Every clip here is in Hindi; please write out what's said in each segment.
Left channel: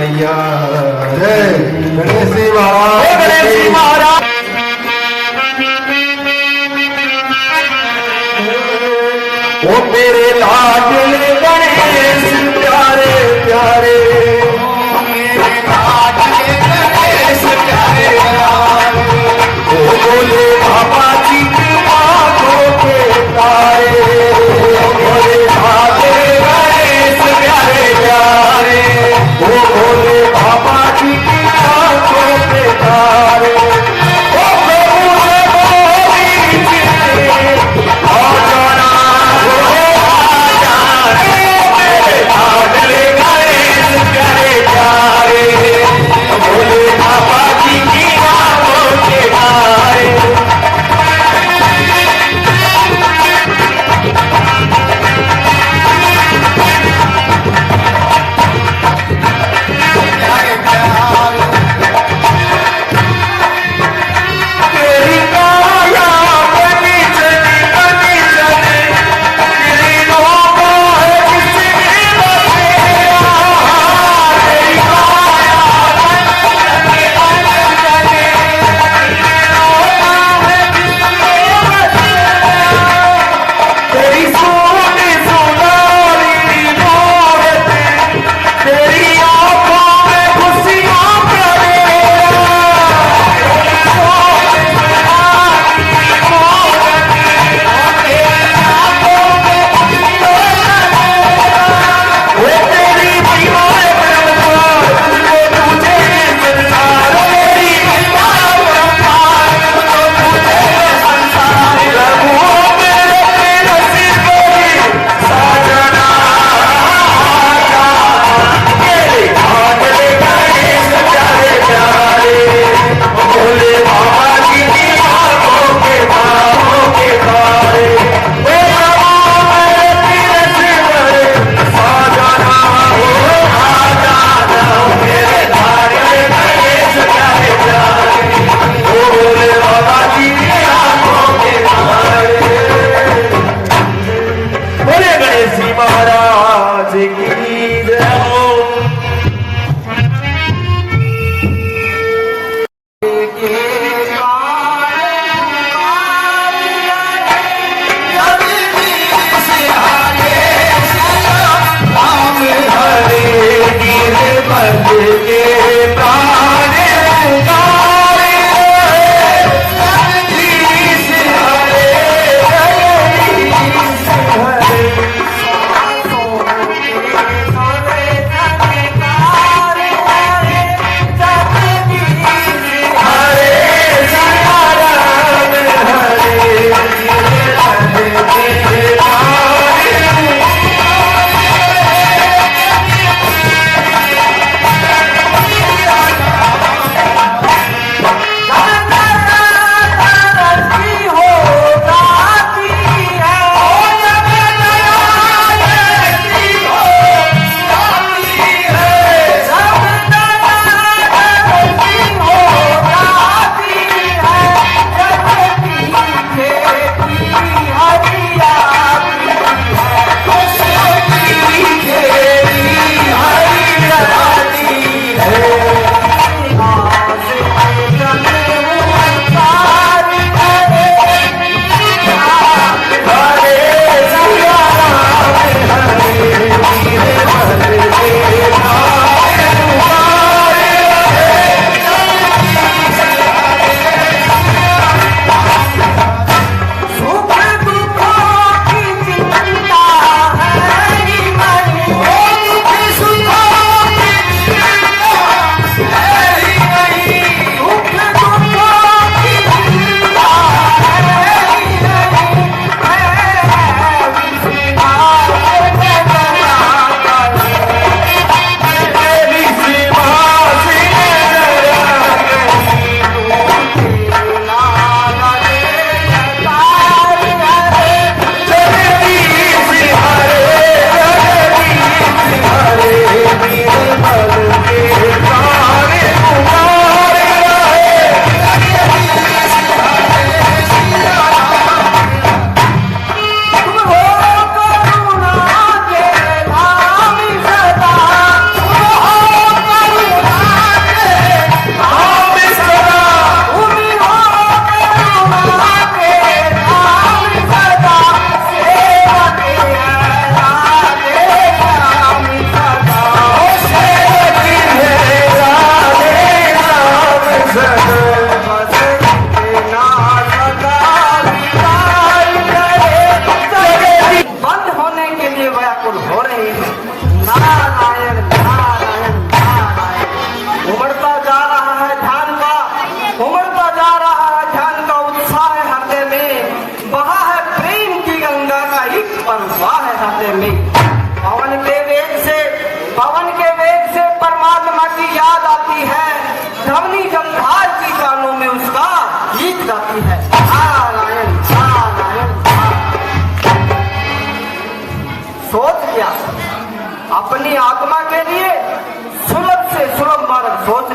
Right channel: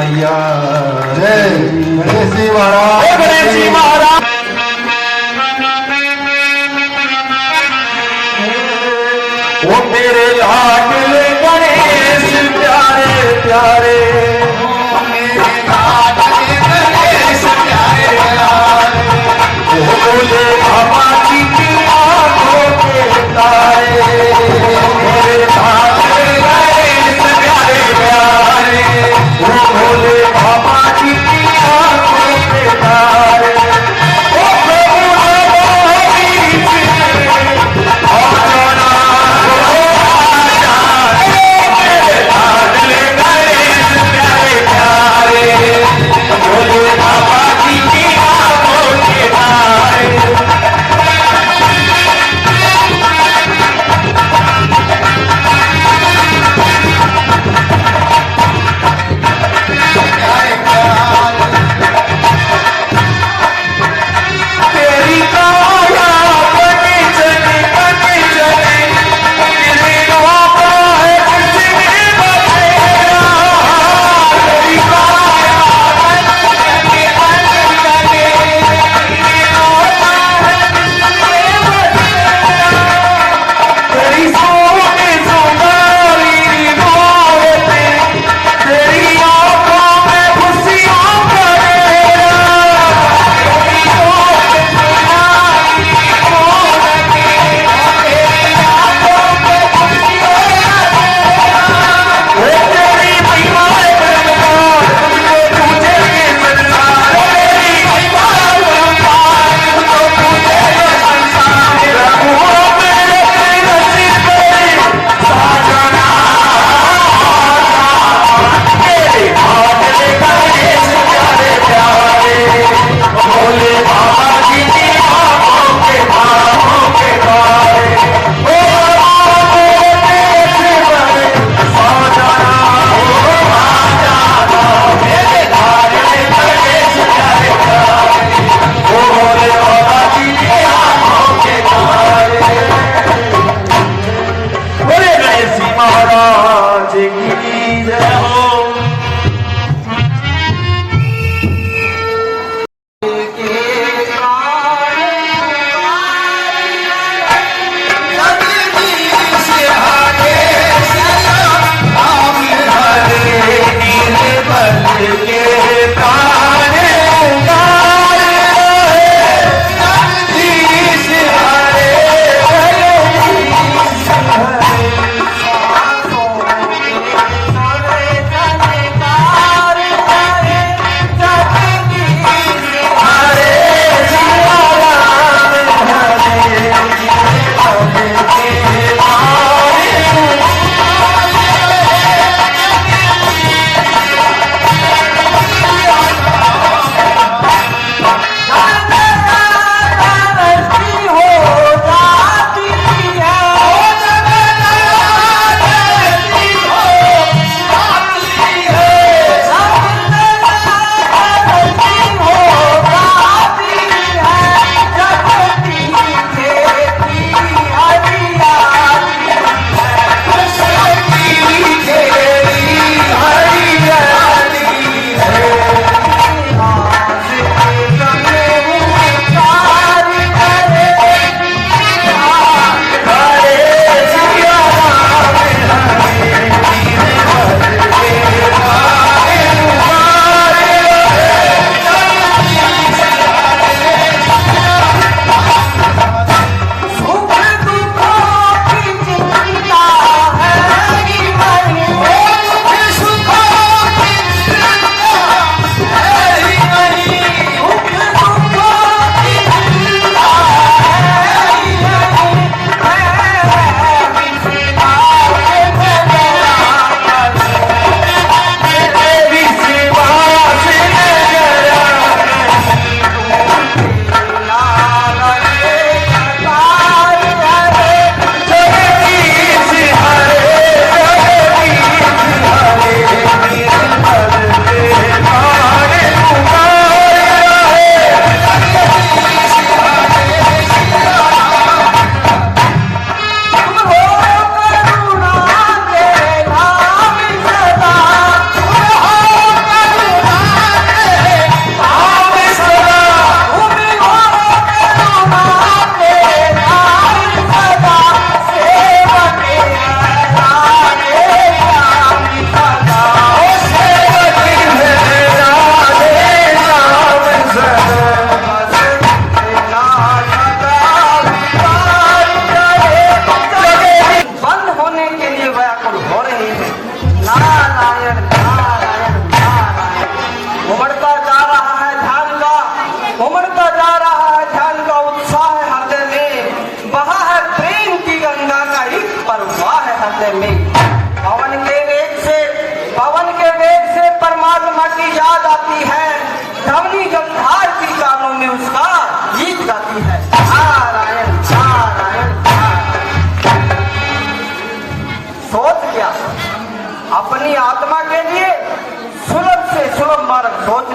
मैया जय गणेश जी महाराज गणेश जी महाराज ओ मेरे लाडले गणेश प्यारे प्यारे मेरे लाडले गणेश प्यारे प्यारे ओ बोले बाबा की आंखों के तारे मेरे लाडले गणेश प्यारे प्यारे ओ बोले बाबा की आंखों के तारे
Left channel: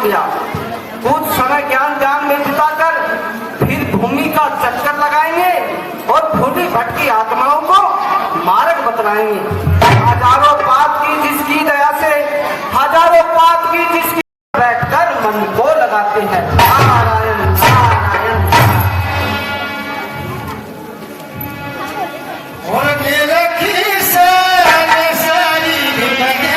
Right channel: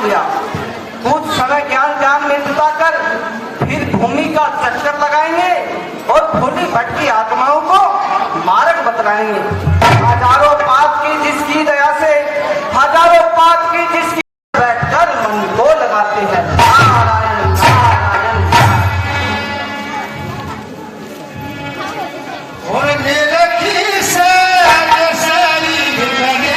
लिया। कुछ समय ज्ञान ध्यान में बिताकर फिर भूमि का चक्कर लगाएंगे और भूली भटकी आत्माओं को मार्ग बतलाएंगे। हजारों पाप की जिसकी दया से, हजारों पाप की जिसकी बैठकर मन को लगाते हैं। नारायण नारायण। और तेरे खीसे सरी भी बने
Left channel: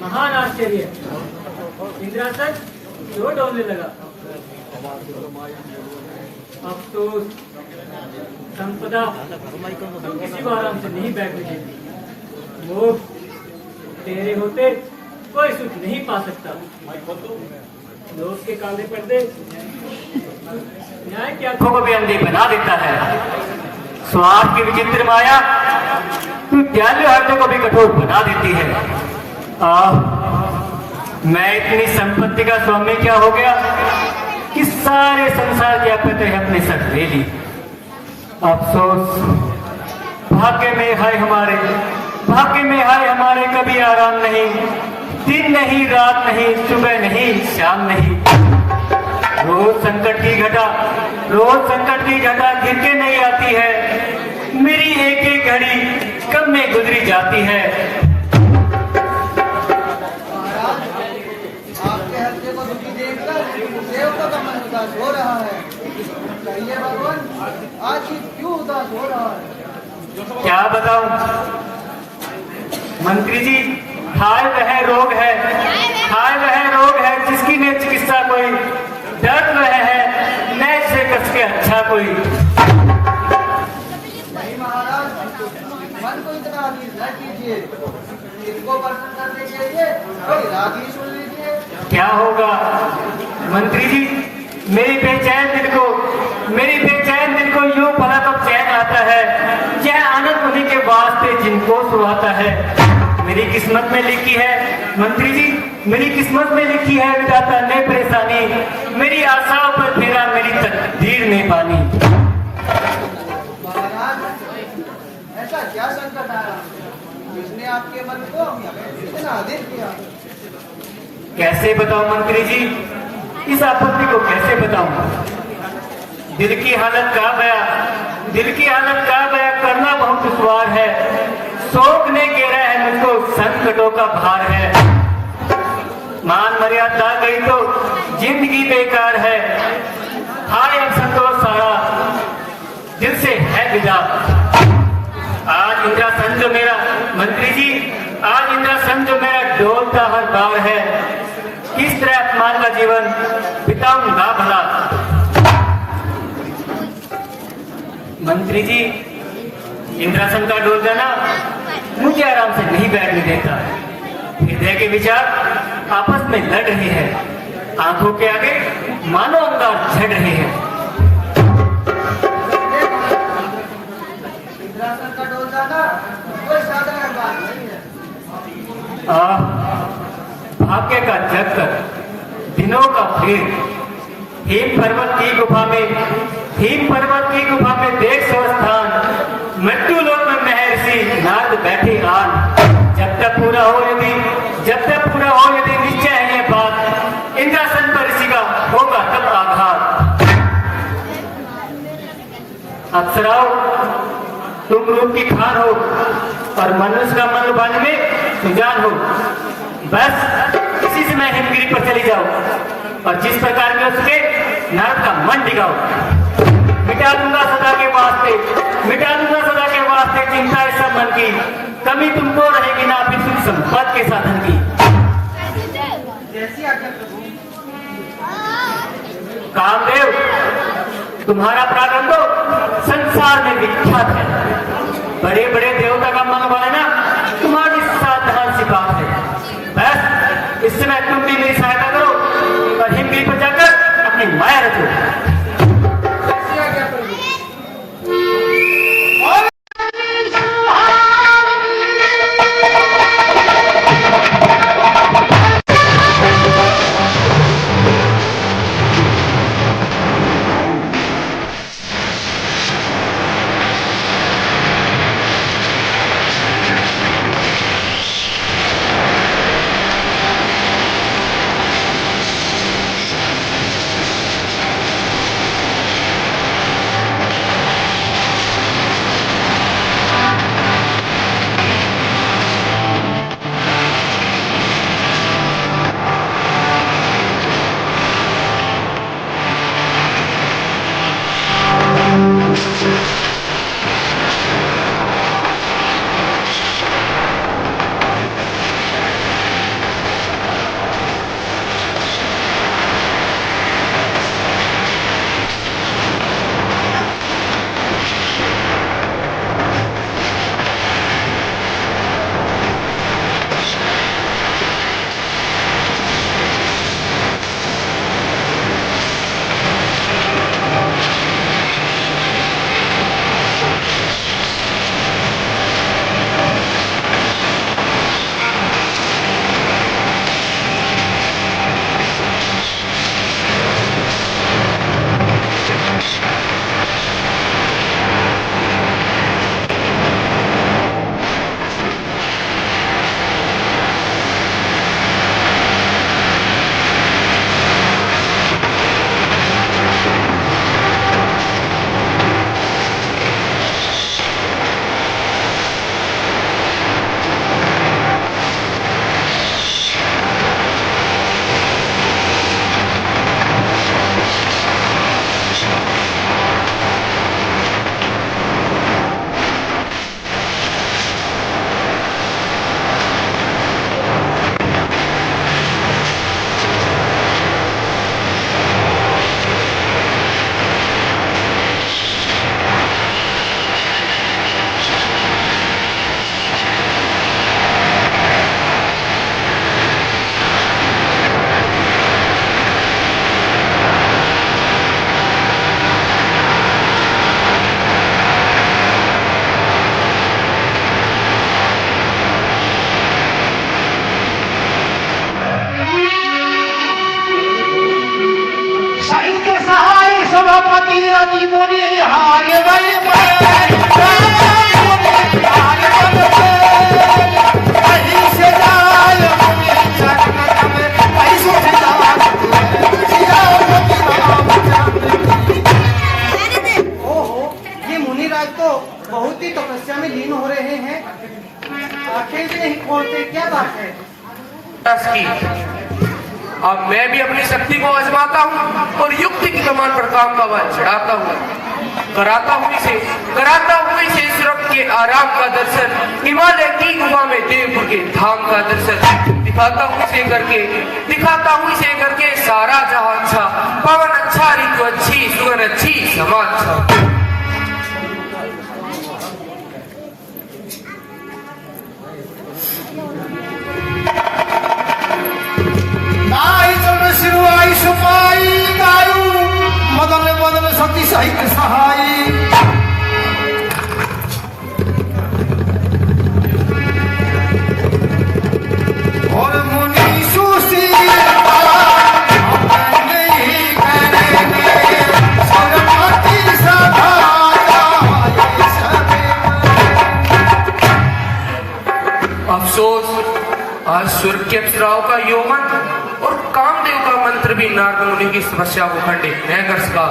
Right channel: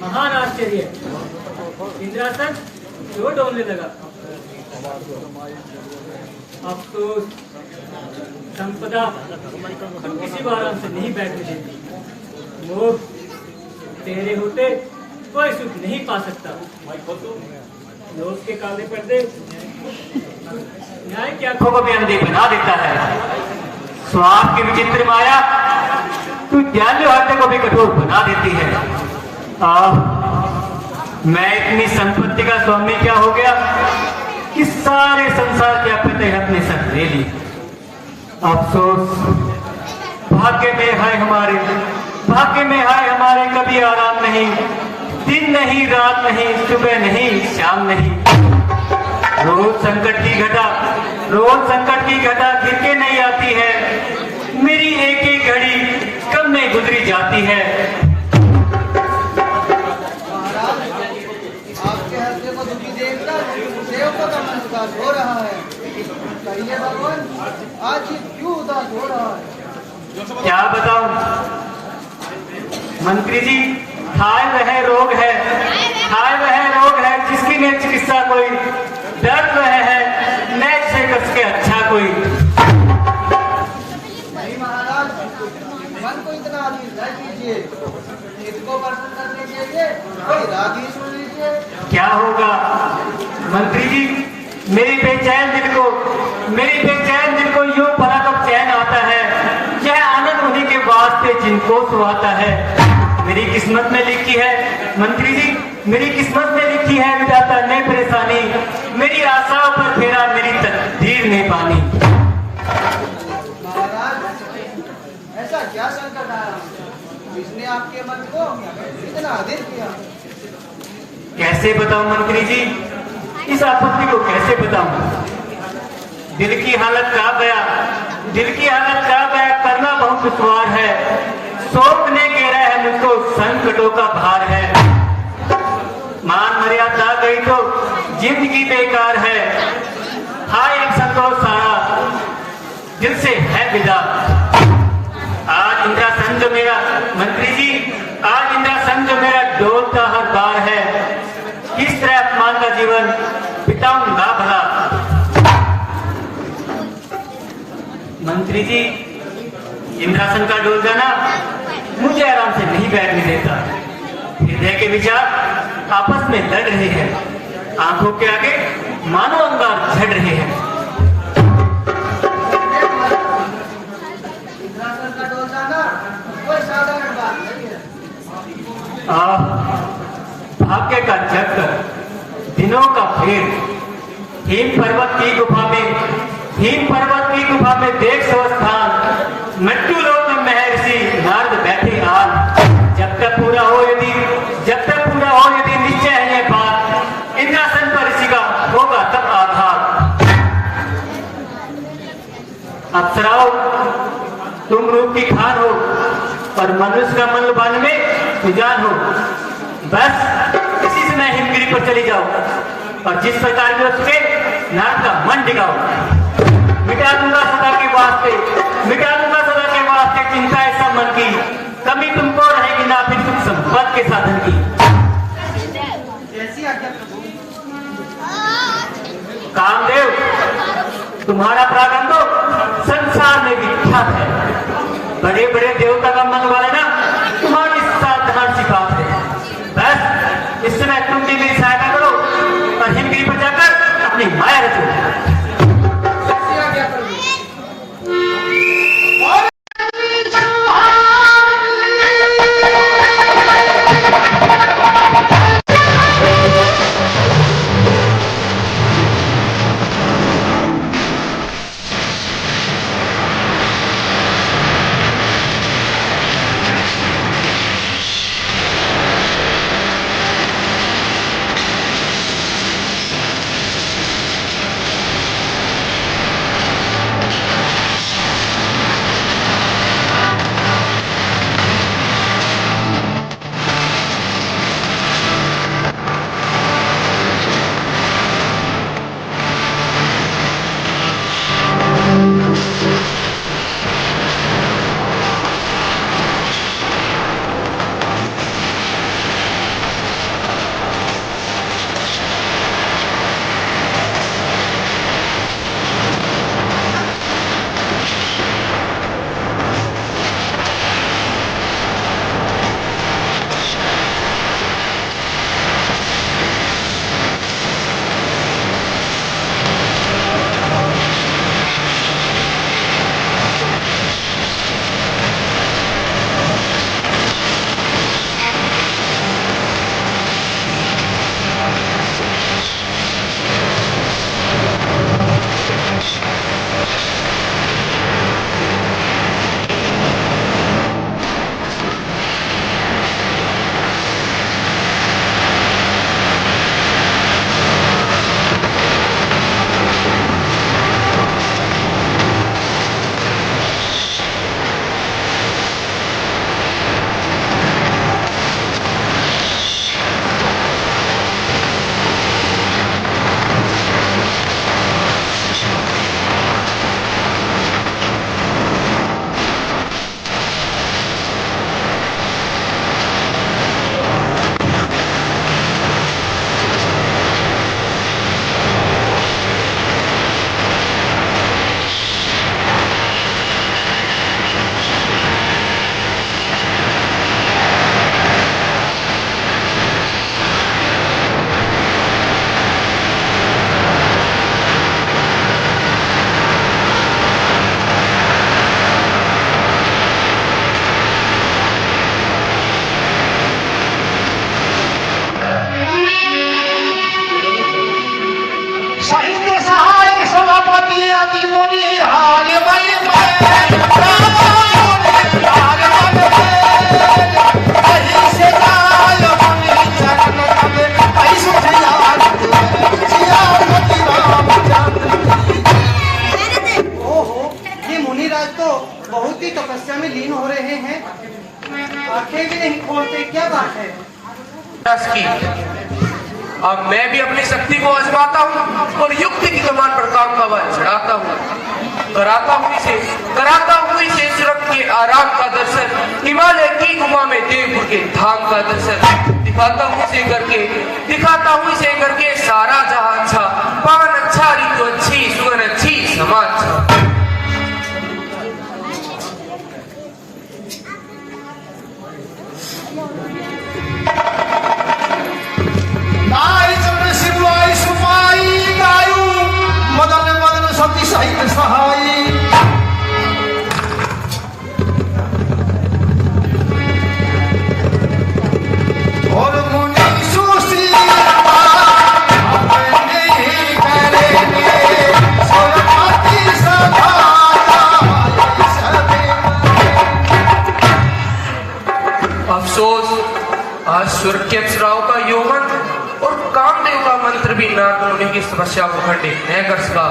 महान आश्चर्य। इंद्रासन जो डोलने लगा। अफसोस संपदा तू किसी भी आराम से नहीं बैठने देती। मोह तेरे होते कोई सुख नहीं पा सकता। लोग के काले पर्दे न्याय की आंखों को भी अंधी बना देता है। स्वार्थ की विचित्र माया तू दयालु हृदय को भी कठोर बना देती है। मैं इतनी संपत्ति का स्वामी क्या हो गया कि सारे संसार की आपत्ति अपने साथ ले ली। अफसोस भाग्य में है हमारे, भाग्य में है हमारे कभी आराम नहीं, दिन नहीं रात नहीं, सुबह नहीं शाम नहीं। रोज संकट की घटा, रोज संकट की घटा गिर के नहीं आती है। मेरी एक एक घड़ी कब में गुजरी जाती है। महाराज, आपके हृदय को दुखी देखकर सेवकों का मन उदास हो रहा है। कहिए भगवान, आज ये क्यों उदास हो रहा है? क्या बताऊं मंत्री जी, हाय वह रोग है, हाय वह रोग है जिसकी ने चिकित्सा कोई, दर्द वह है मैं से कस के अच्छा कोई। नहीं महाराज, मन को इतना अधीर न कीजिए। इनको प्रसन्न करने के लिए कोई राग ही सुन लीजिए। क्या होगा मंत्री जी, मेरी बेचैन दिल को, मेरी बेचैन दिल को यूं भला तो चैन आता है। यह आनंद उन्हीं के वास्ते जिनको सुहाता है। मेरी किस्मत में लिखी है मंत्री जी, मेरी किस्मत में लिखी है विधाता ने परेशानी। मेरी आशाओं पर फेरा मेरी तकदीर में पानी। महाराज, ऐसा क्या संकट आया जिसने आपके मन को इतना अधीर किया? कैसे बताऊं मंत्री जी, इस आपत्ति को कैसे बताऊं। दिल की हालत का बया, दिल की हालत का बया करना बहुत दुश्वार है। शोक ने घेरा है मुझको, संकटों का भार है। मान मर्यादा गई तो जिंदगी बेकार है। हाय एक संतोष सारा दिल से है विदा। आज इंद्रासन जो मेरा मंत्री जी, आज इंद्रासन जो मेरा डोलता हर बार है। किस तरह अपमान का जीवन बिताऊंगा भला। मंत्री जी, इंद्रासन का डोल जाना मुझे आराम से नहीं बैठने देता। हृदय के विचार आपस में लड़ रहे हैं। आंखों के आगे मानो अंगार झड़ रहे हैं। इंद्रासन का डोल जाना कोई साधारण बात नहीं है। भाग्य का चक्कर, दिनों का फेर। हिम पर्वत की गुफा में, हिम पर्वत की गुफा में देख स्वस्थान। मृत्यु लोक में महर्षि नारद बैठे आन। जब तक पूरा हो यदि, जब तक पूरा हो यदि निश्चय है ये बात, इंद्रासन पर ऋषि का होगा तब आघात। अप्सराओं, तुम रूप की खान हो और मनुष्य का मन लुभाने में सुजान हो। बस इसी से मैं हिमगिरी पर चली जाऊं और जिस प्रकार के उसके नारद का मन डिगाओ। मिटा दूंगा सदा के वास्ते, मिटा दूंगा सदा के वास्ते चिंता है सब मन की। कमी तुमको रहेगी ना फिर कुछ संपत्ति के साधन की। कैसी आज्ञा प्रभु? कामदेव, तुम्हारा पराक्रम तो संसार में विख्यात है। बड़े बड़े देवता का मन वाले ना तुम्हारी साधारण सी बात है। बस इस समय तुम भी मेरी सहायता करो और हिमगिरी पर जाकर अपनी माया रचो। कैसी आज्ञा प्रभु? में लीन हो रहे हैं, आंखें भी नहीं खोलते, क्या बात है? की अब मैं भी अपनी शक्ति को आजमाता हूँ और युक्ति की कमान पर काम का बल चढ़ाता हूँ, कराता हूँ इसे स्वर्ग के आराम का दर्शन, हिमालय की गुफा में देवपुर के धाम का दर्शन, दिखाता हूँ इसे करके सारा जहां अच्छा, पवन अच्छा, ऋतु अच्छी, सुगंध अच्छी, समा अच्छा। स्वर्ग के अप्सराओं का यौवन और कामदेव का मंत्र भी नारद मुनि की समस्या को खंडित न कर सका।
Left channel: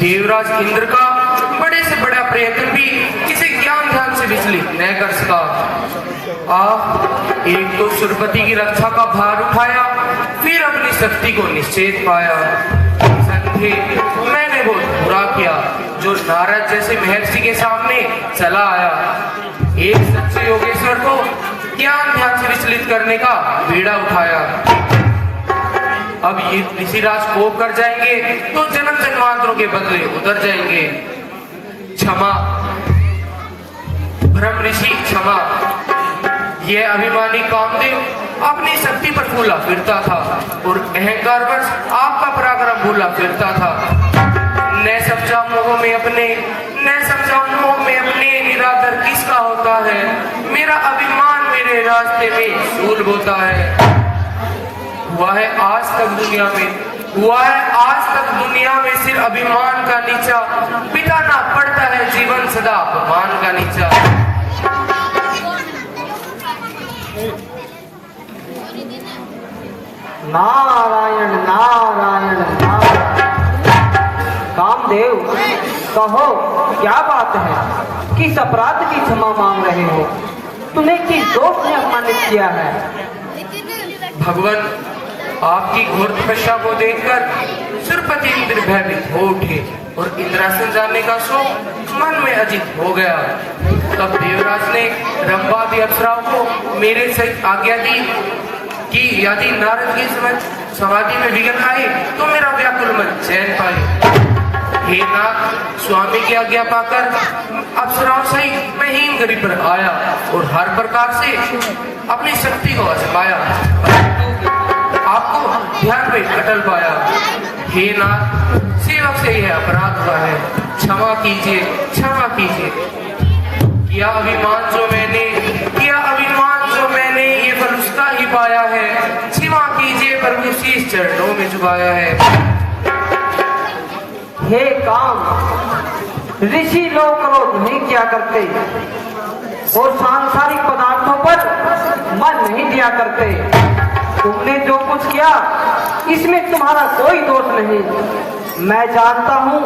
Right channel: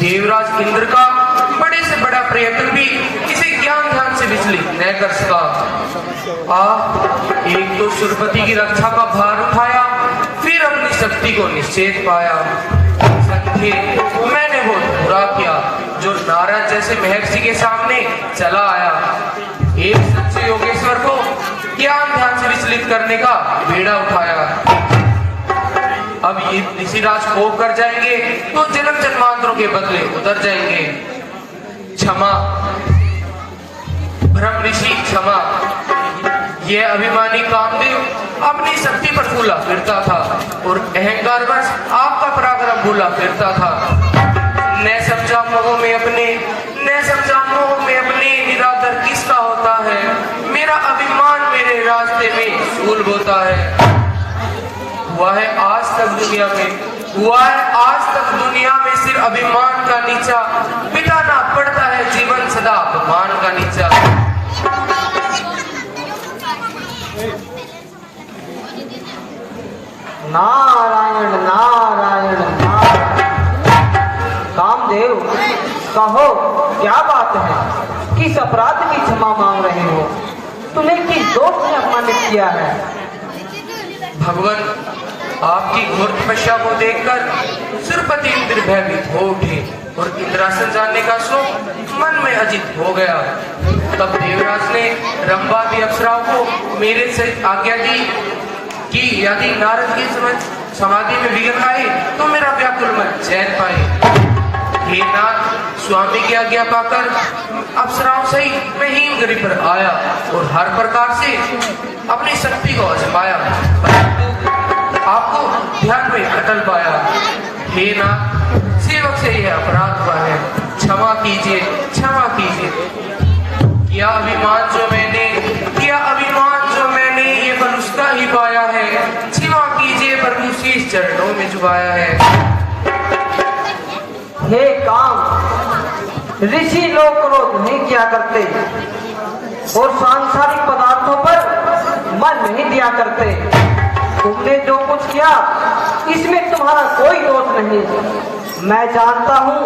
देवराज इंद्र का बड़े से बड़ा प्रयत्न भी किसी ज्ञान ध्यान से विचलित न कर सका। एक तो सुरपति की रक्षा का भार उठाया, फिर अपनी शक्ति को निश्चेत पाया। संधे मैंने वो बुरा किया जो नारद जैसे महर्षि के सामने चला आया। एक सच्चे योगेश्वर को ज्ञान ध्यान से विचलित करने का बेड़ा उठाया। अब ये ऋषिराज कोप कर जाएंगे तो जन्म जन्मांतरों के बदले उतर जाएंगे। क्षमा ब्रह्म ऋषि क्षमा। ये अभिमानी कामदेव अपनी शक्ति पर फूला फिरता था और अहंकारवश आपका पराक्रम भूला फिरता था। न समझा मोह में अपने निरादर किसका होता है, मेरा अभिमान मेरे रास्ते में फूल बोता है। हुआ है आज तक दुनिया में सिर्फ अभिमान का नीचा, बिठाना पड़ता है जीवन सदा अपमान का नीचा। नारायण नारायण कामदेव, कहो क्या बात है, किस अपराध की क्षमा मांग रहे हो? तुम्हें किस दोष ने अपमानित किया है? भगवान, आपकी घोर तपस्या को देखकर सुरपति इंद्र भयभीत हो उठे और इंद्रासन जाने का शौक मन में अजित हो गया। तब देवराज ने रंभा भी अप्सराओं को मेरे सहित आज्ञा दी कि यदि नारद की समाधि में विघ्न आए तो मेरा व्याकुल मन चैन पाए। हे नाथ, स्वामी की आज्ञा पाकर अप्सराओं सहित मैं हिमगिरी पर आया और हर प्रकार से अपनी शक्ति को आजमाया, परंतु आपको ध्यान में अटल पाया। हे नाथ, सेवक से यह अपराध हुआ है, क्षमा कीजिए। यह अभिमान जो मैंने ये बल उसका ही पाया है। क्षमा कीजिए, प्रभु शीश चरणों में झुकाया है। हे काम, ऋषि लोग क्रोध नहीं किया करते और सांसारिक पदार्थों पर मन नहीं दिया करते। तुमने जो कुछ किया इसमें तुम्हारा कोई दोष नहीं। मैं जानता हूँ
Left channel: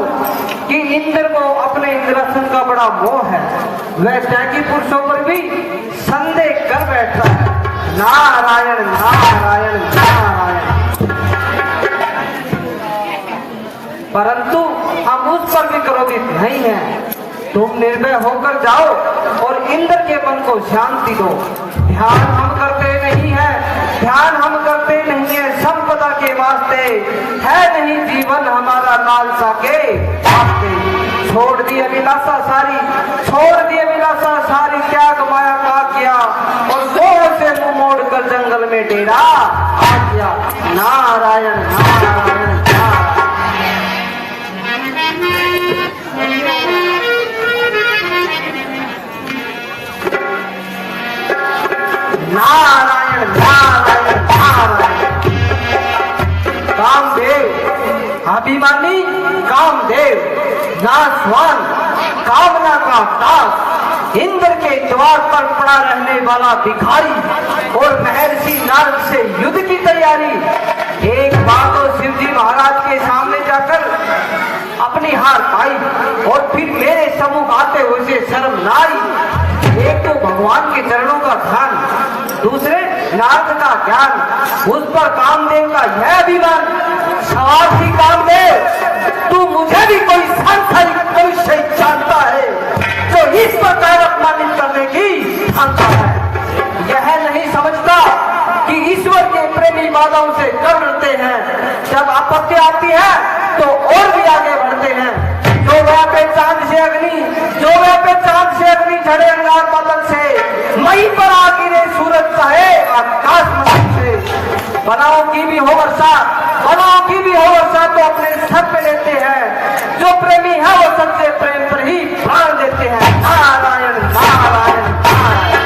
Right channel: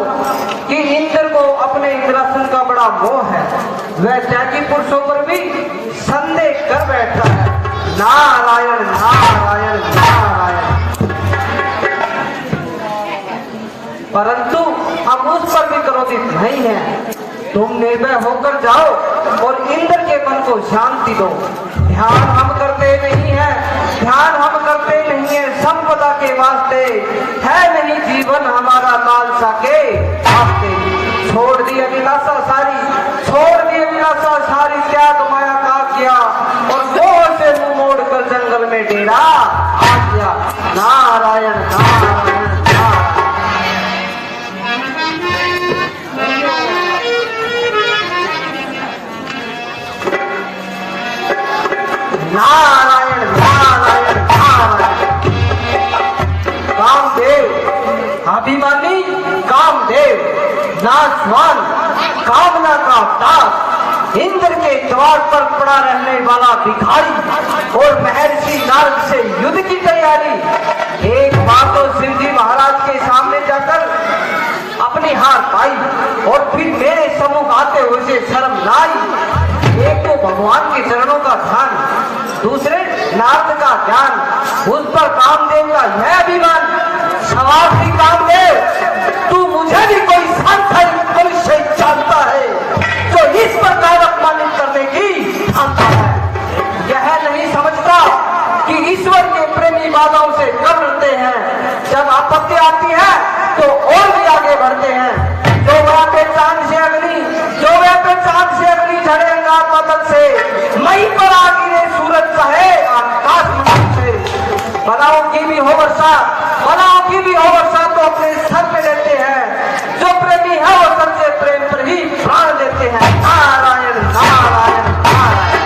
कि इंद्र को अपने इंद्रासन का बड़ा मोह है, वह त्यागी पुरुषों पर भी संदेह कर बैठता है। नारायण नारायण नारायण। परंतु हम उस पर भी क्रोधित नहीं है। तुम निर्भय होकर जाओ और इंद्र के मन को शांति दो। ध्यान हम करते नहीं है संपदा के वास्ते, है नहीं जीवन हमारा लालसा के। छोड़ दी अभिलाषा सारी, त्याग माया का किया और मोह से मुंह मोड़कर जंगल में डेरा किया। नारायण नारायण नारायण कामदेव, अभिमानी कामदेव, नासवान, कामना का दास, इंद्र के द्वार पर पड़ा रहने वाला भिखारी और महर्षि नारद से युद्ध यह अभिमान स्वार्थी कामदेव, तू मुझे भी कोई सांसारिक मनुष्य जानता है जो इस प्रकार अपमानित करने की क्षमता है। यह नहीं समझता कि ईश्वर के प्रेमी बाधाओं से कब डरते हैं, जब आपत्ति आती है तो और भी आगे बढ़ते हैं। जो वह पे चांद से अग्नि झड़े अंगार बादल से, मई पर आगी ने सूरज चाहे आकाश मंडल से। बलाओं की भी हो वर्षा तो अपने सर पे लेते हैं। जो प्रेमी है वो सबसे प्रेम पर ही प्राण देते हैं। नारायण नारायण नारायण।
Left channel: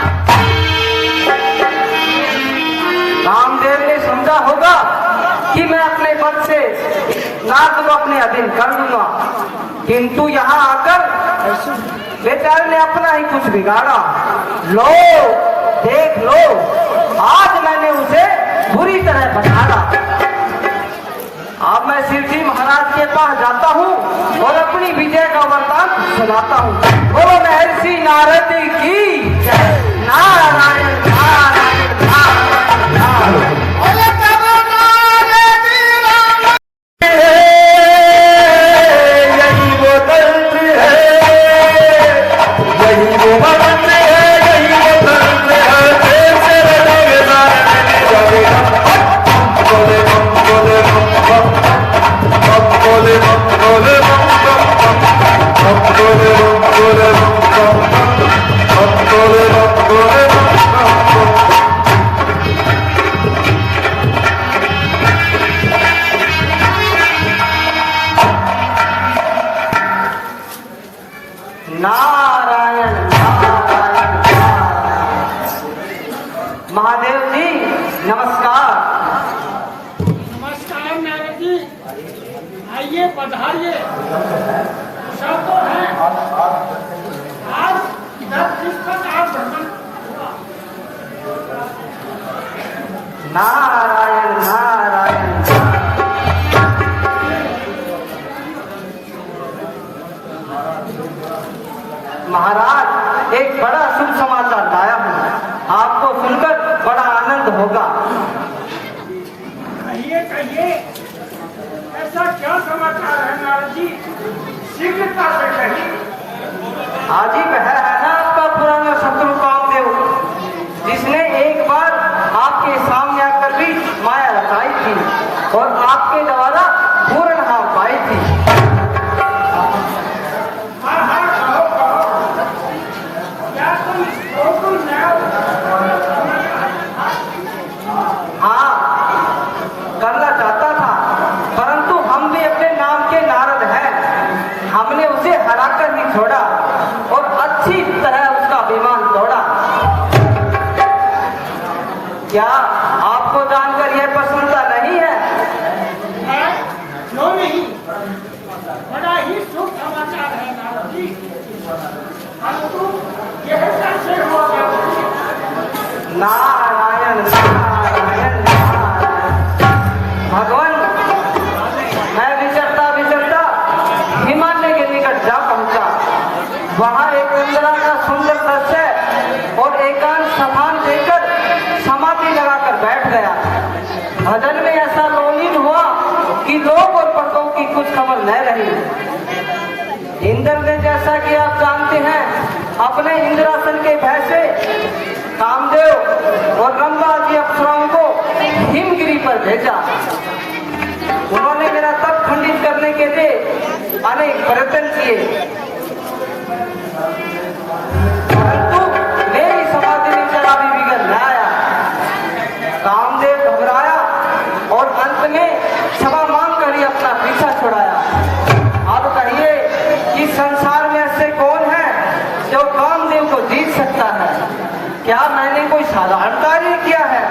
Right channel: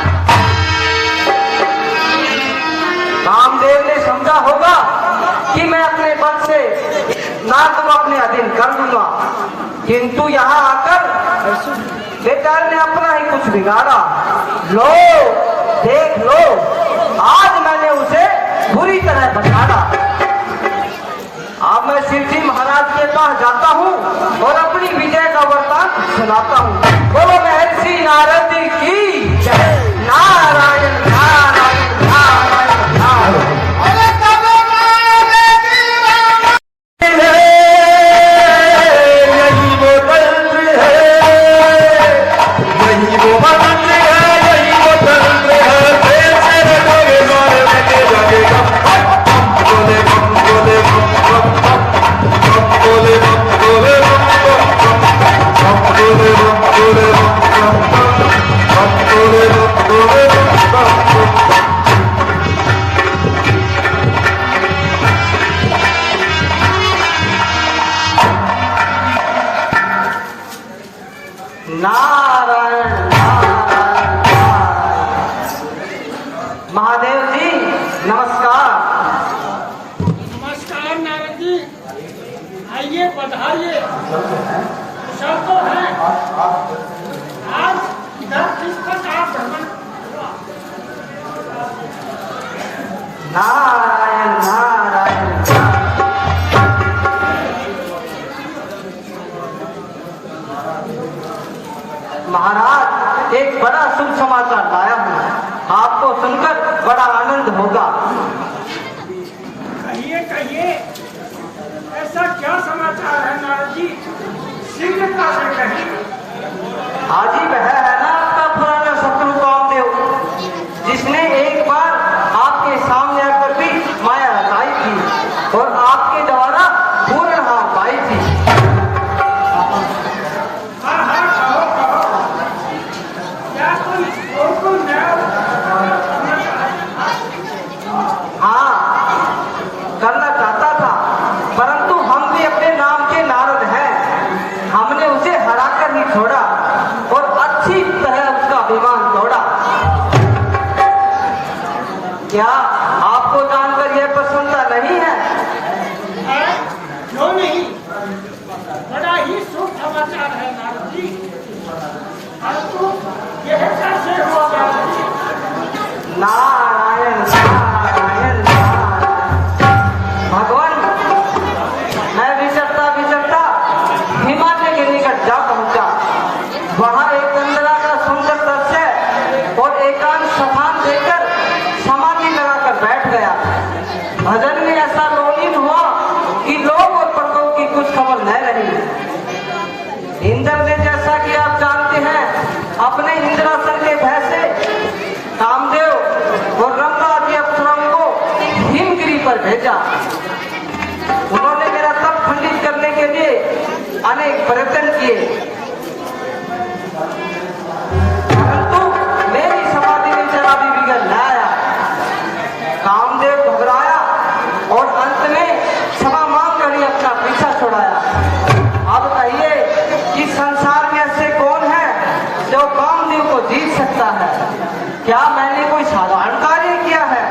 कामदेव ने समझा होगा कि मैं अपने बल से नाग को अपने अधीन कर लूंगा, किंतु यहाँ आकर बेचारे ने अपना ही कुछ बिगाड़ा। लो देख लो, आज मैंने उसे बुरी तरह बिगाड़ा। अब मैं शिव जी महाराज के पास जाता हूँ और अपनी विजय का वरदान सुनाता हूँ। बोलो महर्षि नारद जी की जय। नारायण नारायण नारायण नारायण। यही वो मंत्र है, यही वो मंत्र है, यही वो मंत्र है। कैसे रहोगे सारे दिन जगेगा। बोले बोले बोले बोले नारायण नारायण नारायण। महादेव जी नमस्कार। नमस्कार नारद जी, आइए पधारिए। कुशल तो है। आज इधर किस प्रकार भ्रमण हुआ? नारायण नारायण। महाराज एक बड़ा शुभ समाचार लाया हूँ, आपको सुनकर बड़ा आनंद होगा। कहिए, ऐसा क्या समाचार है नारद जी? शीघ्रता से कहिए। हाजी बहर है ना आपका पुराना शत्रु कामदेव, जिसने एक बार आपके सामने आकर भी माया रचाई थी और आपके द्वारा पूर्ण हार पाई थी। हाँ, कहो। क्या कोई नया करना चाहता था? हाँ, करना चाहता था, परंतु हम भी अपने नाम के नारद हैं। हमने उसे हराकर नहीं छोड़ा और अच्छी तरह उसका अभिमान तोड़ा। क्या आपको जानकर यह प्रसन्नता नहीं है? क्यों नहीं? बड़ा ही शुभ समाचार है नारद जी, परंतु यह कैसे हुआ नारद जी? नारायण नारायण नारायण। भगवान, मैं विचरता हिमालय के निकट जा पहुंचा। वहां एक इंदिरा का सुंदर दृश्य और एकांत स्थान देकर समाधि लगाकर बैठ गया। भजन में ऐसा मौलिक हुआ कि लोग और पक्कों की कुछ खबर न रही। इंद्र ने, जैसा कि आप जानते हैं, अपने इंद्रासन के भय से कामदेव और रंभा आदि अप्सराओं को हिमगिरी पर भेजा। उन्होंने मेरा तप खंडित करने के लिए अनेक प्रयत्न किए, परंतु मेरी समाधि में जरा भी बिगड़ न आया। कामदेव घबराया और अंत में क्षमा मांग कर ही अपना पीछा छुड़ाया। अब कहिए कि संसार में ऐसे कौन है जो कामदेव को जीत सकता है? क्या मैंने कोई साधारण कार्य किया है?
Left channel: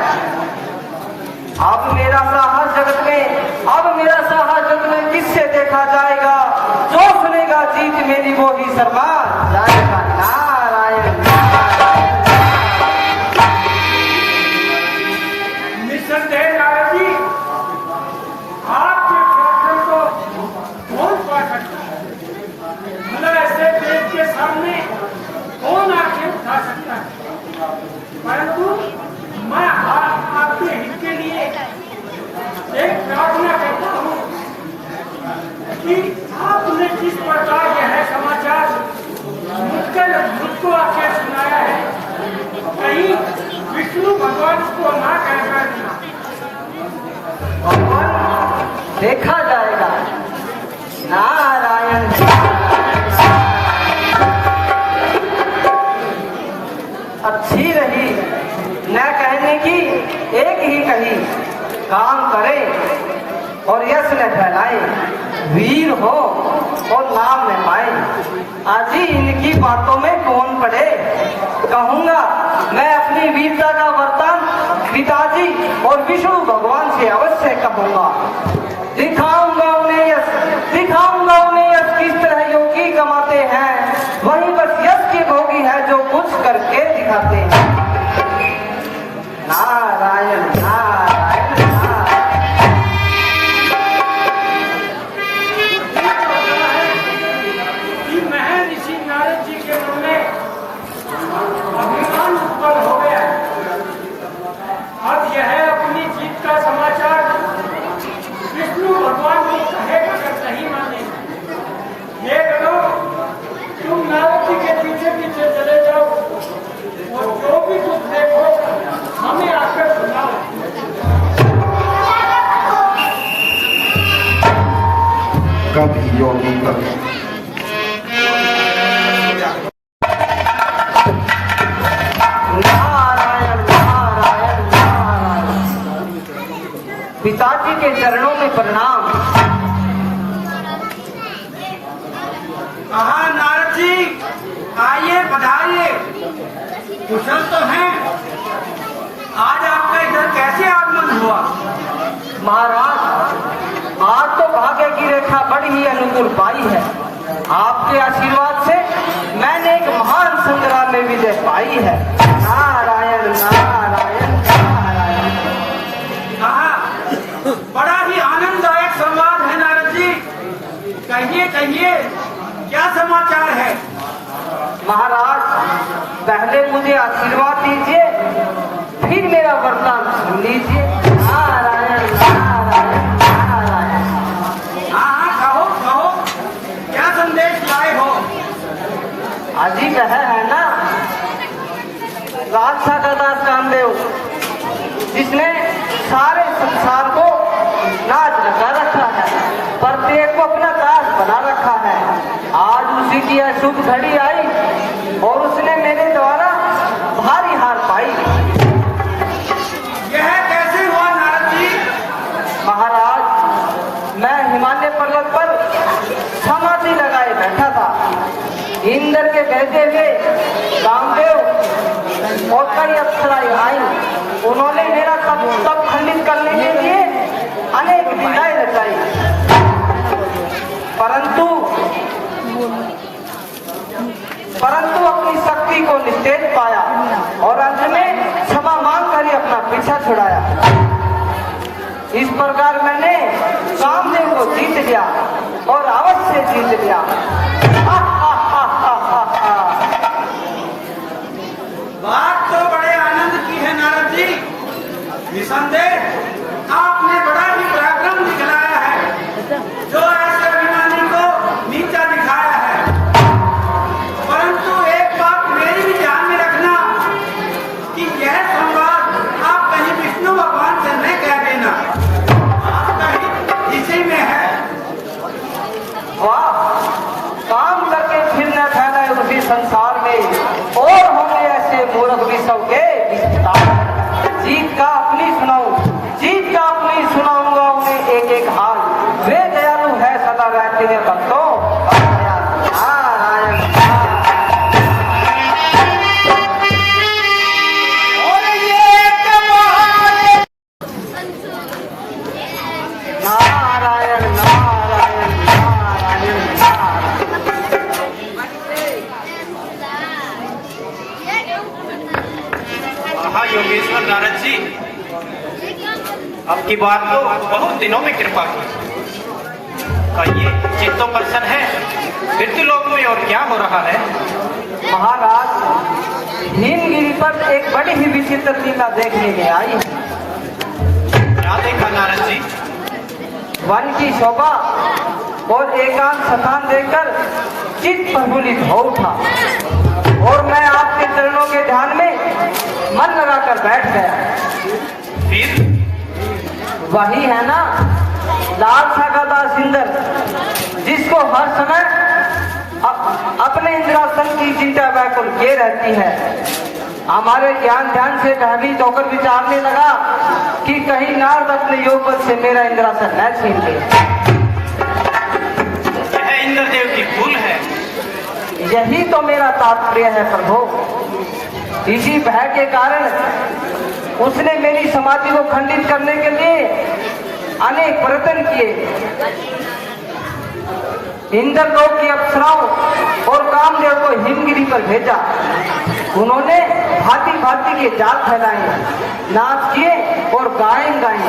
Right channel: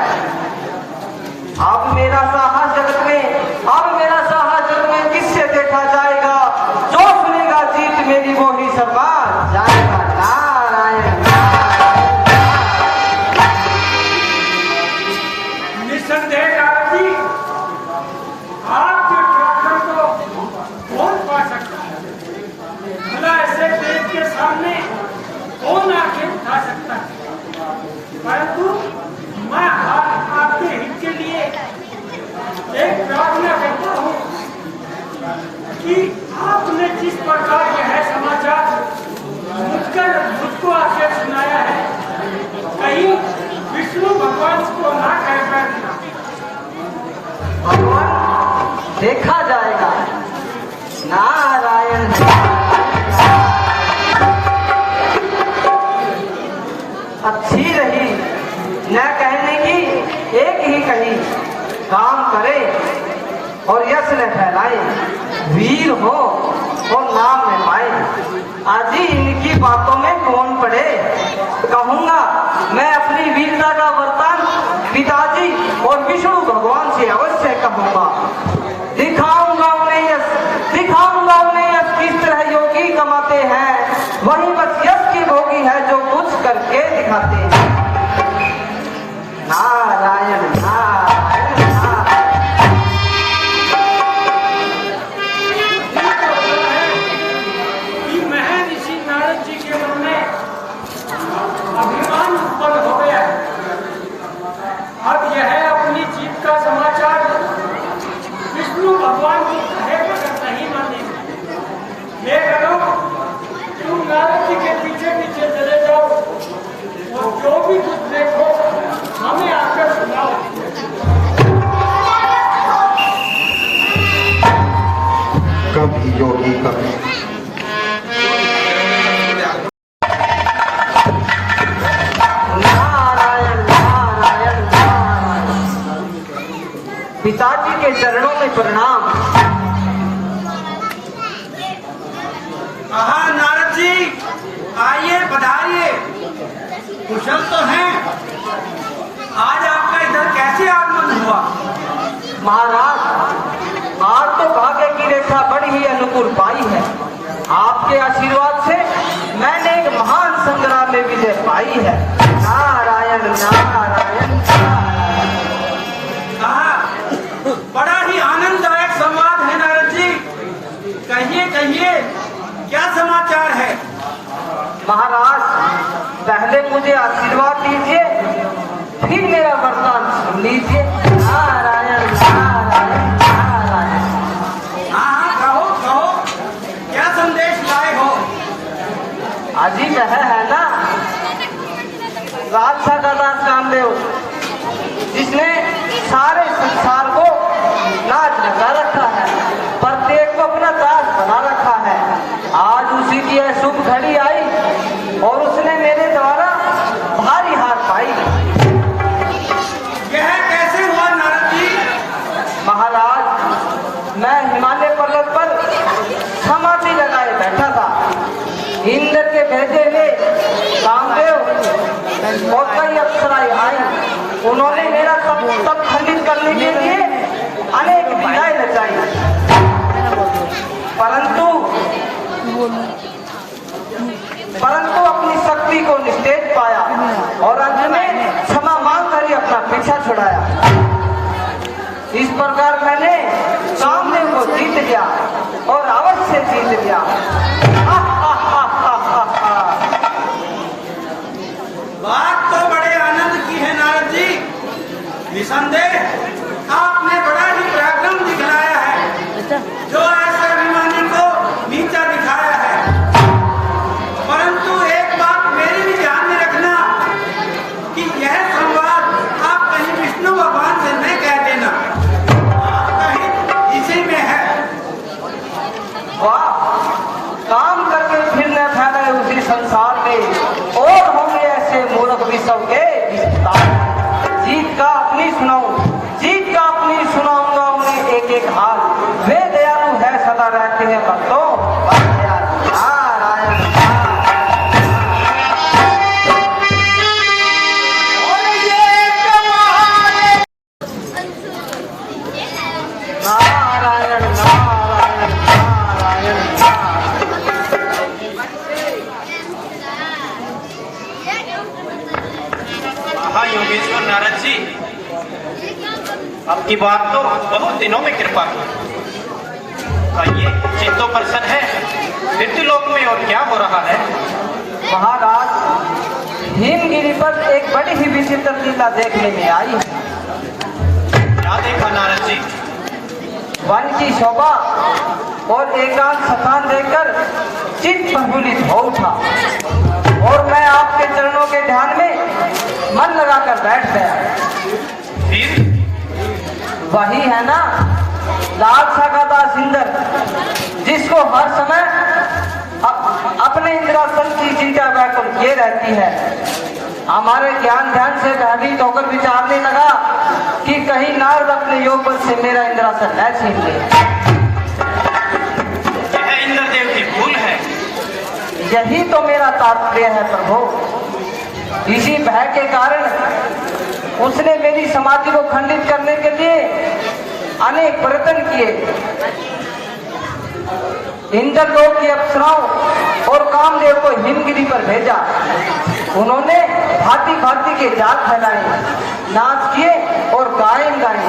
अब मेरा साहस जगत में किससे देखा जाएगा? जो सुनेगा जीत मेरी वो ही शर्मा जाएगा। नारायण नारायण। निसंदेह नारद जी, आपके पराक्रम को कौन पा सकता है? भला ऐसे देश के सामने कौन आंखें उठा सकता है? परंतु मैं आपके हित के लिए एक देखा जाएगा। नारायण अच्छी रही न कहने की एक ही कही, काम करे और यश न फैलाए, वीर हो और नाम न पाए। आज ही इनकी बातों में कौन पड़े, कहूंगा मैं अपनी वीरता का वर्तन पिताजी और विष्णु भगवान से अवश्य कहूंगा। दिखाऊंगा उन्हें यश, दिखाऊंगा उन्हें यश किस तरह योगी कमाते हैं, वही बस यश की भोगी है जो कुछ करके दिखाते हैं। नारायण नारायण कि महर्षि नारद जी के मन में अभिमान उत्पन्न हो गया है। अब यह अपनी जीत का समाचार विष्णु भगवान को कहे बगैर नहीं मानेंगे। ये करो, तुम नारद जी के पीछे पीछे चले जाओ और जो भी कुछ देखो हमें आकर सुनाओ। कभी योगी कभी नारायण नारायण नारायण। पिताजी के चरणों में प्रणाम। हाँ नारद जी, आइए बधाइए, कुशल तो हैं। आज आपका इधर कैसे आगमन हुआ? महाराज, आज तो भाग्य की रेखा बड़ी ही अनुकूल पाई है। आपके आशीर्वाद से मैंने एक महान संग्राम में विजय पाई है। नारायण नारायण नारायण। हाँ, बड़ा ही आनंददायक संवाद है नारद जी। कहिए कहिए, क्या समाचार है? महाराज, पहले मुझे आशीर्वाद दीजिए, फिर मेरा वरदान सुन लीजिए। नारायण नारायण नारायण। हाँ हाँ, कहो कहो, क्या संदेश लाए हो? अजी कह है ना, लालसा दादा रामदेव, जिसने सारे संसार को नाच लगा रखा है, प्रत्येक को अपना दास बना रखा है। आज उसी की यह शुभ घड़ी आई और उसने मेरे द्वारा भारी हार पाई। यह कैसे हुआ नारद जी? महाराज, मैं हिमालय पर्वत पर समाधि लगाए बैठा था। इंद्र के भेजे हुए कामदेव और कई अप्सराएं आई। उन्होंने मेरा तप खंडित करने के लिए अनेक विधाएं रचाई, परंतु अपनी शक्ति को निस्तेज पाया और अंत में क्षमा मांग कर ही अपना पीछा छुड़ाया। इस प्रकार मैंने कामदेव को जीत लिया और अवश्य जीत लिया। बात तो बड़े आनंद की है नारद जी। निसंदेह आपने बड़ा ही पराक्रम दिखलाया है, जो ऐसे अभिमानी को नीचा दिखाया है। परंतु एक बात मेरी भी ध्यान में रखना कि यह संवाद आप कहीं विष्णु भगवान से न कह देना, कहीं इसी में है। वाह, काम करके फिर न फैलाए उसी संसार में और होंगे ऐसे मूर्ख विषव के। जीत का अपनी सुनाऊं, जीत का अपनी सुनाऊंगा उन्हें एक एक हाल। वे दयालु है सदा रहते हैं भक्तों। योगेश्वर नारद जी, आपकी बात को बहुत दिनों में कृपा की। आइए, चित्तो प्रसन्न है, मृत्युलोक में और क्या हो रहा है? महाराज, हिमगिरी पर एक बड़ी ही विचित्र लीला देखने में आई। क्या देखा नारद जी? वन की शोभा और एकांत स्थान देखकर चित्त प्रफुल्लित हो उठा और मैं आपके चरणों के ध्यान में मन लगाकर बैठ गया। फिर वही है ना, लाल चिंता व्याकुल किए रहती है। हमारे ज्ञान ध्यान से भयभीत होकर विचारने लगा कि कहीं नारद अपने योग बल से मेरा इंद्रासन न छीन ले। यह इंद्रदेव की भूल है। यही तो मेरा तात्पर्य है प्रभु। इसी भय के कारण उसने मेरी समाधि को खंडित करने के लिए अनेक प्रयत्न किए। इंद्रलोक की अप्सराओं और कामदेव को हिमगिरी पर भेजा। उन्होंने भांति भांति के जात फैलाए, नाच किए और गायन गाए।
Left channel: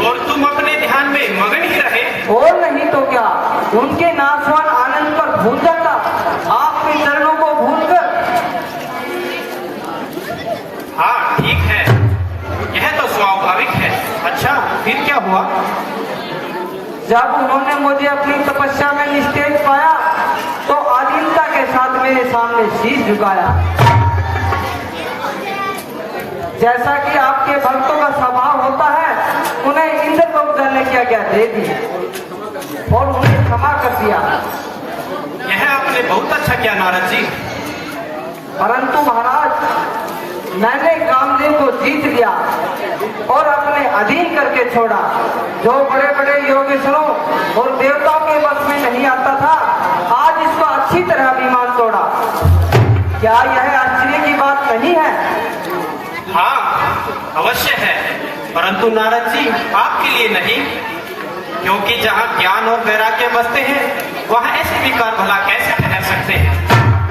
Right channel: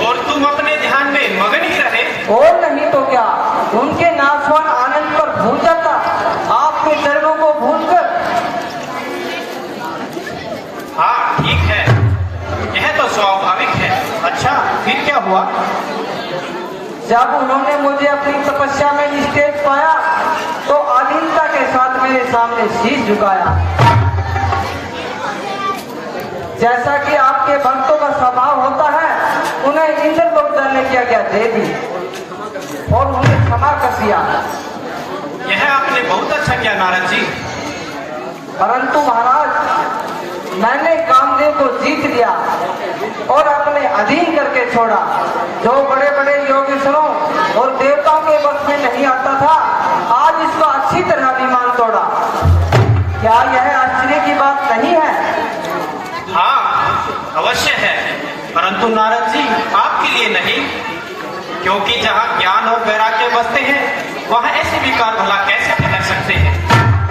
और तुम अपने ध्यान में मगन ही रहे। और नहीं तो क्या, उनके नाचवान आनंद पर भूलता था, आपके चरणों को भूलकर। हाँ ठीक है, यह तो स्वाभाविक है। अच्छा फिर क्या हुआ? जब उन्होंने मुझे अपनी तपस्या में निस्तेज पाया तो आधीनता के साथ मेरे सामने शीश झुकाया। जैसा कि आपके भक्तों का स्वभाव होता है, उन्हें इंद्रलोक जाने की आज्ञा दे दी और उन्हें क्षमा कर दिया। यह आपने बहुत अच्छा किया नारद जी। परंतु महाराज, मैंने कामदेव को जीत लिया और अपने अधीन करके छोड़ा। जो बड़े बड़े योगेश्वरों और देवताओं के वश में नहीं आता था, आज इसका अच्छी तरह अभिमान तोड़ा। क्या यह आश्चर्य की बात नहीं है? हाँ अवश्य है, परंतु नारद जी आपके लिए नहीं, क्योंकि जहाँ ज्ञान और वैराग्य बसते हैं वहाँ ऐसे विकार भला कैसे ठहर सकते हैं।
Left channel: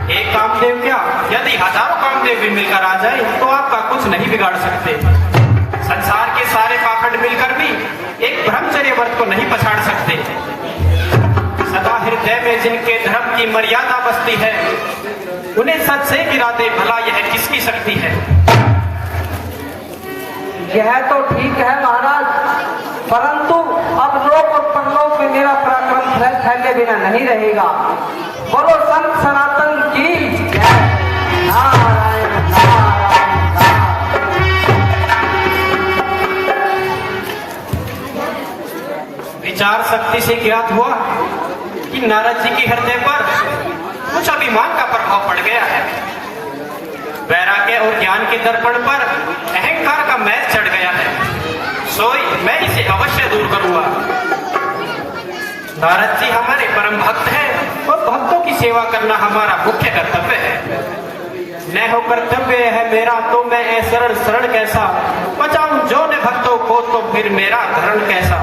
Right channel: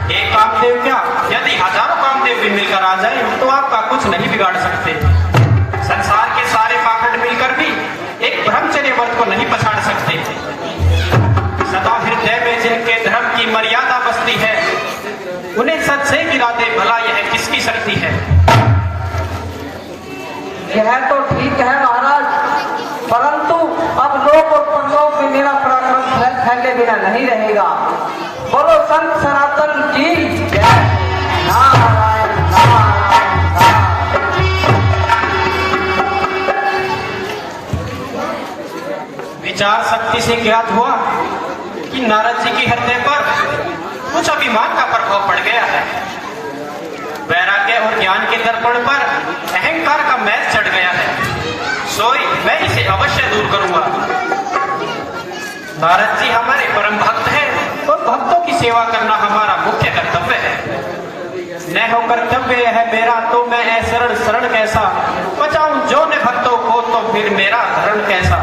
एक कामदेव क्या, यदि 1000 कामदेव भी मिलकर आ जाए तो आपका कुछ नहीं बिगाड़ सकते। संसार के सारे पाखंड मिलकर भी एक ब्रह्मचर्य व्रत को नहीं पछाड़ सकते। सदा हृदय में जिनके धर्म की मर्यादा बसती है, उन्हें सच से गिरा दे भला यह किसकी शक्ति है। यह तो ठीक है महाराज, परंतु अब लोक और परलोक में मेरा पराक्रम फैले बिना नहीं रहेगा। बोलो संत सनातन की जय। विचार शक्ति से ज्ञात हुआ कि नारद जी के हृदय पर कुछ अभिमान का प्रभाव पड़ गया है। वैराग्य और ज्ञान के दर्पण पर अहंकार का मैल चढ़ गया है। सोई मैं इसे अवश्य दूर करूंगा। नारद जी हमारे परम भक्त हैं और भक्तों की सेवा करना हमारा मुख्य कर्तव्य है। न हो कर्तव्य है मेरा तो मैं शरण शरण कैसा बचाऊं जो न भक्तों को, तो फिर मेरा धर्म कैसा।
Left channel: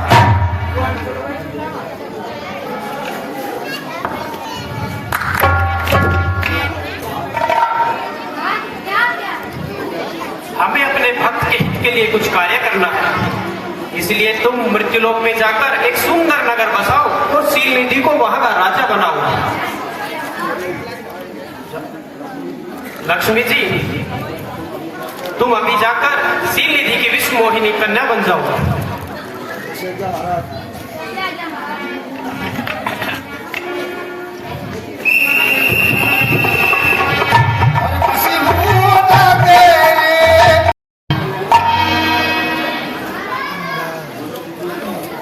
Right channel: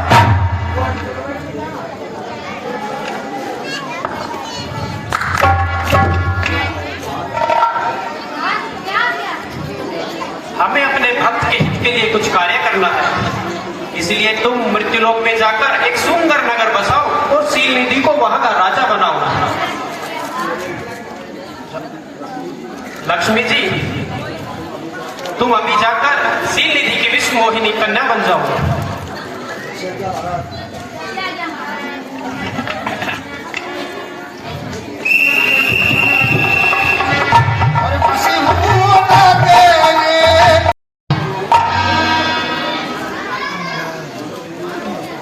हमें अपने भक्त के हित के लिए कुछ कार्य करना है। इसलिए तुम मृत्युलोक में जाकर एक सुंदर नगर बसाओ और सील निधि को वहां का राजा बनाओ। लक्ष्मी जी तुम अभी जाकर सील निधि की विश्व मोहिनी कन्या बन जाओ।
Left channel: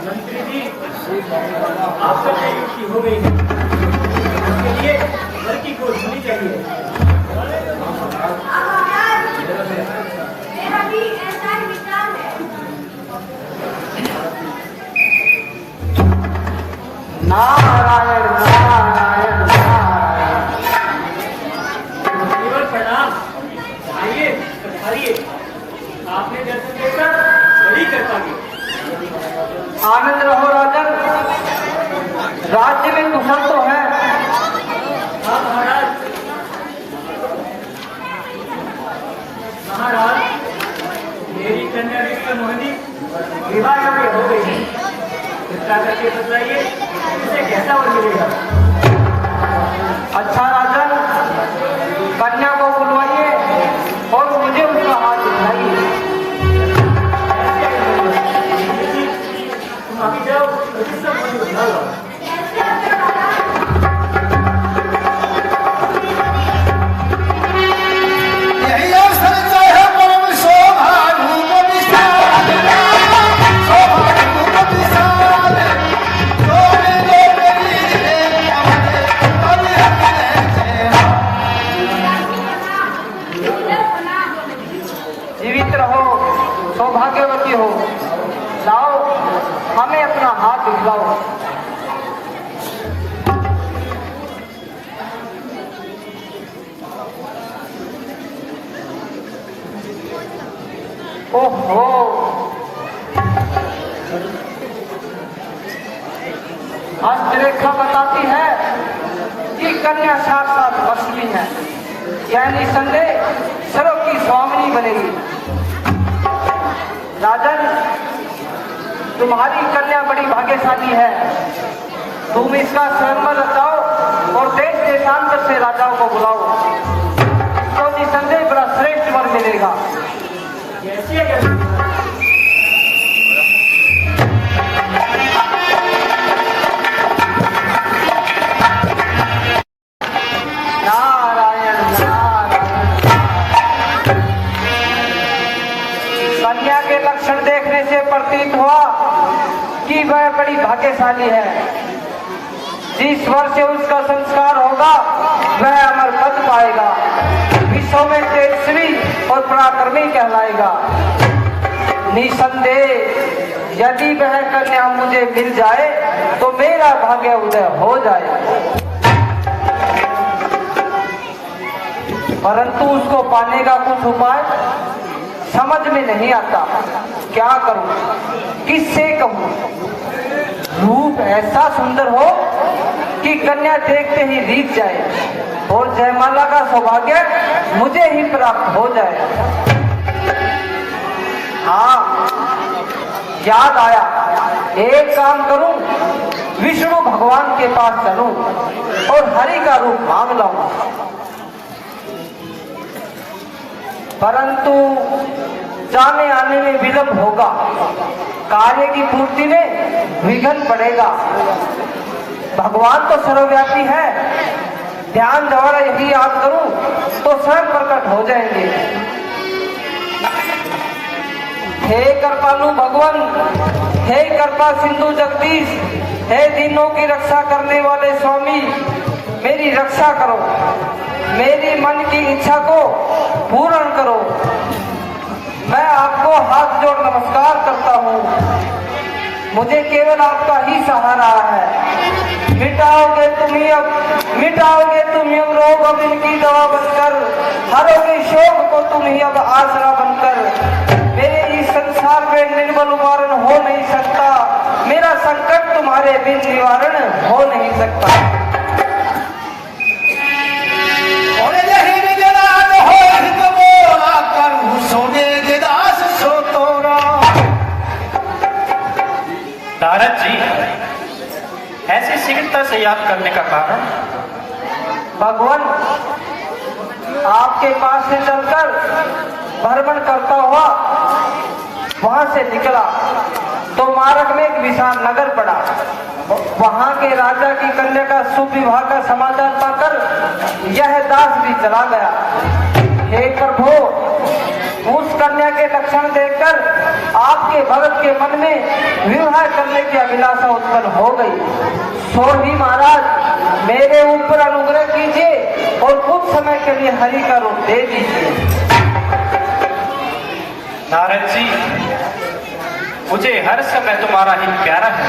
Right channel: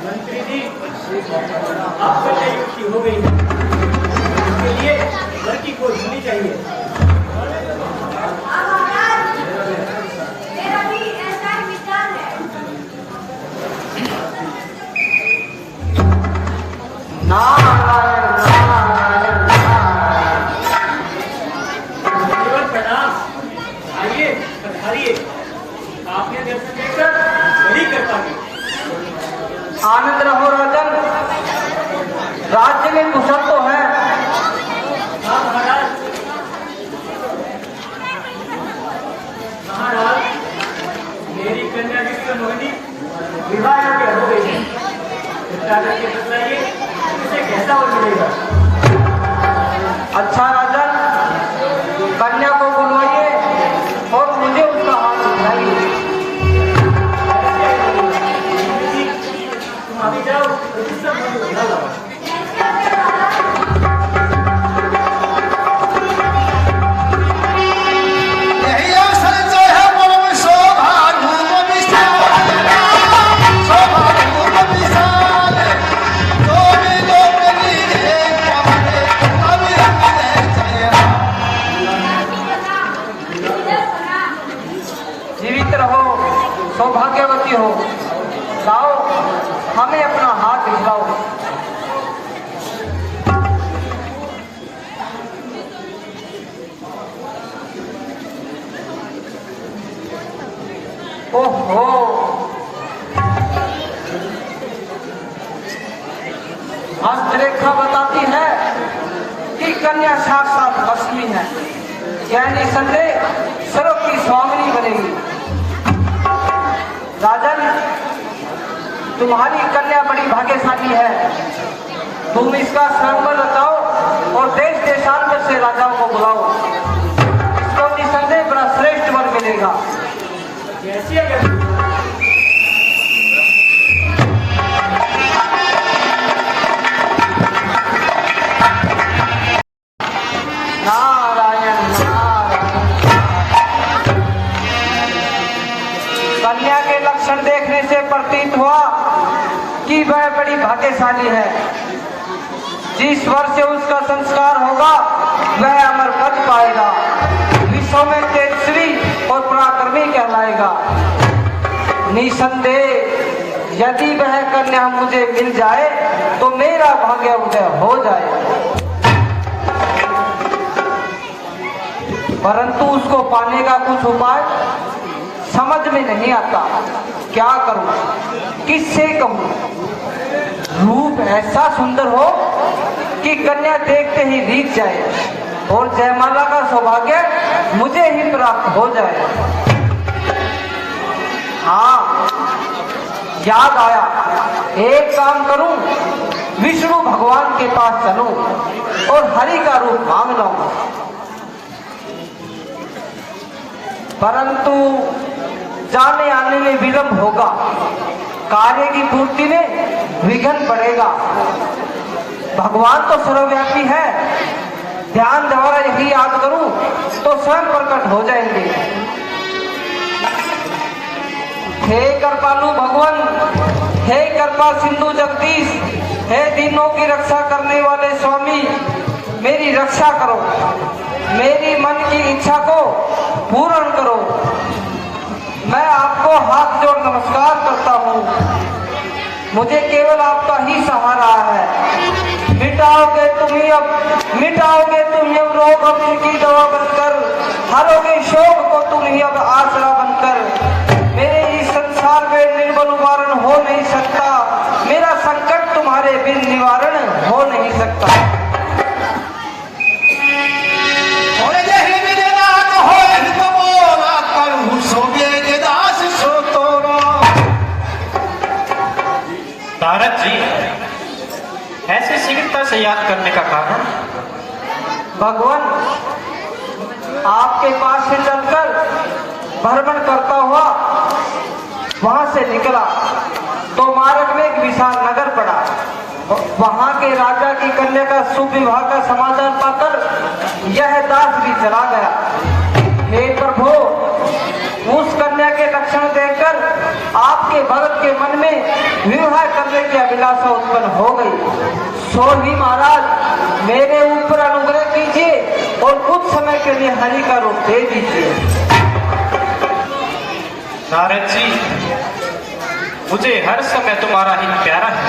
मंत्री जी आपका नियुक्ति हो गई है, इसके लिए लड़की को होनी चाहिए। मेरा भी ऐसा ही विचार है। नारायण नारायण केवल प्रणाम। आइए पधारिए, आपने दर्शन देकर बड़ी कृपा की। आनंद रहो राजन, राज्य में कुशल तो है। हाँ महाराज। महाराज मेरी कन्या विश्व मोहिनी विवाह योग्य हो गई है। कृपया करके बतलाइए इसे कैसा वर मिलेगा। अच्छा राजन, कन्या को बुलवाइए और मुझे उसका हाथ दिखाइए। तुम अभी जाओ और विश्व मोहिनी बुला लाओ। यही अवसर चाहे परम शोभा धूम विशाल, शोभा धूम विशाल, जोड़ी जोड़ी की हो। जाओ, हमें अपना हाथ दिखाओ। ओहो, हस्तरेखा बताती है कि कन्या साक्षात लक्ष्मी है, यानी संदेह सर्व की स्वामिनी बनेगी। राजन, तुम्हारी कन्या बड़ी भाग्यशाली है। तुम इसका स्वयंवर बताओ और देश देशांतर से राजाओं को बुलाओ। इसको निसंदेह बड़ा श्रेष्ठ वर मिलेगा। कैसे कन्या के लक्षण देखने से प्रतीत हुआ कि वह बड़ी भाग्यशाली है। जिस वर्ष से उसका संस्कार होगा वह अमर पद पाएगा, विश्व में तेजस्वी और पराक्रमी कहलाएगा। निसंदेह यदि वह कन्या मुझे मिल जाए तो मेरा भाग्य उदय हो जाए, परंतु उसको पाने का कुछ उपाय समझ में नहीं आता। क्या करूं, किससे कहूं? रूप ऐसा सुंदर हो कि कन्या देखते ही रीझ जाए और जयमाला का सौभाग्य मुझे ही प्राप्त हो जाए। हाँ, याद आया, एक काम करूं, विष्णु भगवान के पास चलूं और हरि का रूप मांग लाऊं। परंतु जाने आने में विलंब होगा, कार्य की पूर्ति में विघ्न पड़ेगा। भगवान तो सर्वव्यापी है, ध्यान द्वारा यदि याद करूं तो स्वयं प्रकट हो जाएंगे। हे कृपालु भगवान, हे कृपा सिंधु जगदीश, हे दीनों की रक्षा करने वाले स्वामी, मेरी रक्षा करो, मेरी मन की इच्छा को पूर्ण करो। मैं आपको हाथ जोड़ नमस्कार करता हूँ, मुझे केवल आपका ही सहारा है। मिटाओगे तुम ही अब रोग अब इनकी दवा बनकर, हरोगे शोक को तुम ही अब आसरा बनकर। मेरे इस संसार में निर्बल निवारण हो नहीं सकता, मेरा संकट तुम्हारे बिन निवारण हो नहीं सकता। नारद जी, ऐसे शीघ्रता से याद करने का कारण? भगवान, आपके पास से चलकर भ्रमण करता हुआ वहां से निकला तो मार्ग में एक विशाल नगर पड़ा। वहां के राजा की कन्या का शुभ विवाह का समाचार पाकर यह दास भी चला गया। हे प्रभु, उस कन्या के लक्षण देखकर आपके भक्त के मन में विवाह करने की अभिलाषा उत्पन्न हो गई। सो ही महाराज, मेरे ऊपर अनुग्रह कीजिए और कुछ समय के लिए हरि का रूप दे दीजिए। नारद जी, मुझे हर समय तुम्हारा ही प्यारा है।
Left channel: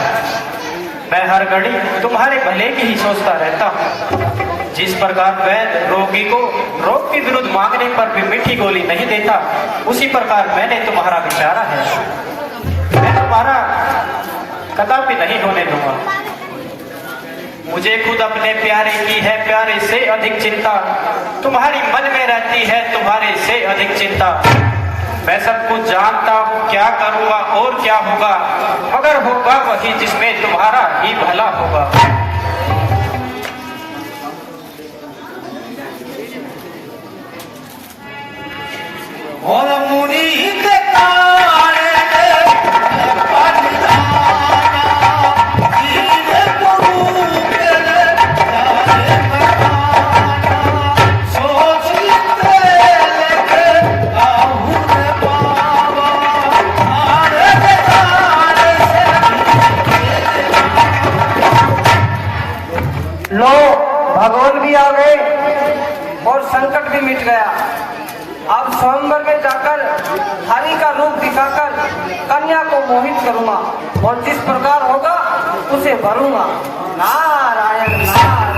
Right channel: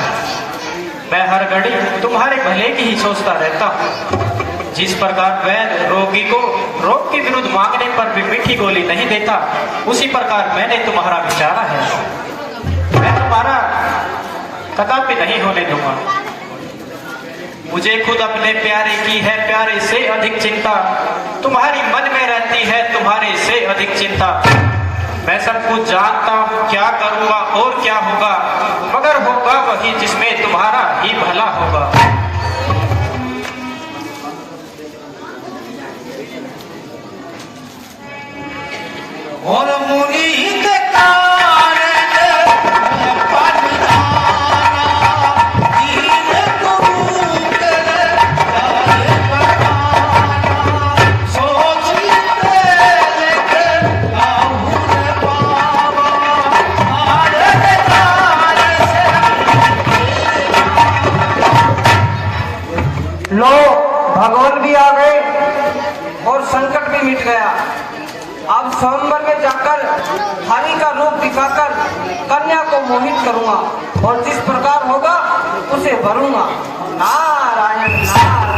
मैं हर घड़ी तुम्हारे भले की ही सोचता रहता हूँ। जिस प्रकार वैद्य रोगी को रोग के विरुद्ध मांगने पर भी मीठी गोली नहीं देता, उसी प्रकार मैंने तुम्हारा विचारा है। मैं तुम्हारा कदापि नहीं होने दूंगा। मुझे खुद अपने प्यारे की है प्यारे से अधिक चिंता, तुम्हारी मन में रहती है तुम्हारे से अधिक चिंता। मैं सब कुछ जानता हूँ, क्या करूँगा और क्या होगा, मगर होगा वही जिसमें तुम्हारा ही भला होगा। और मुनि के मोहित करूंगा और जिस प्रकार होगा उसे भरूंगा। नारायण नारायण।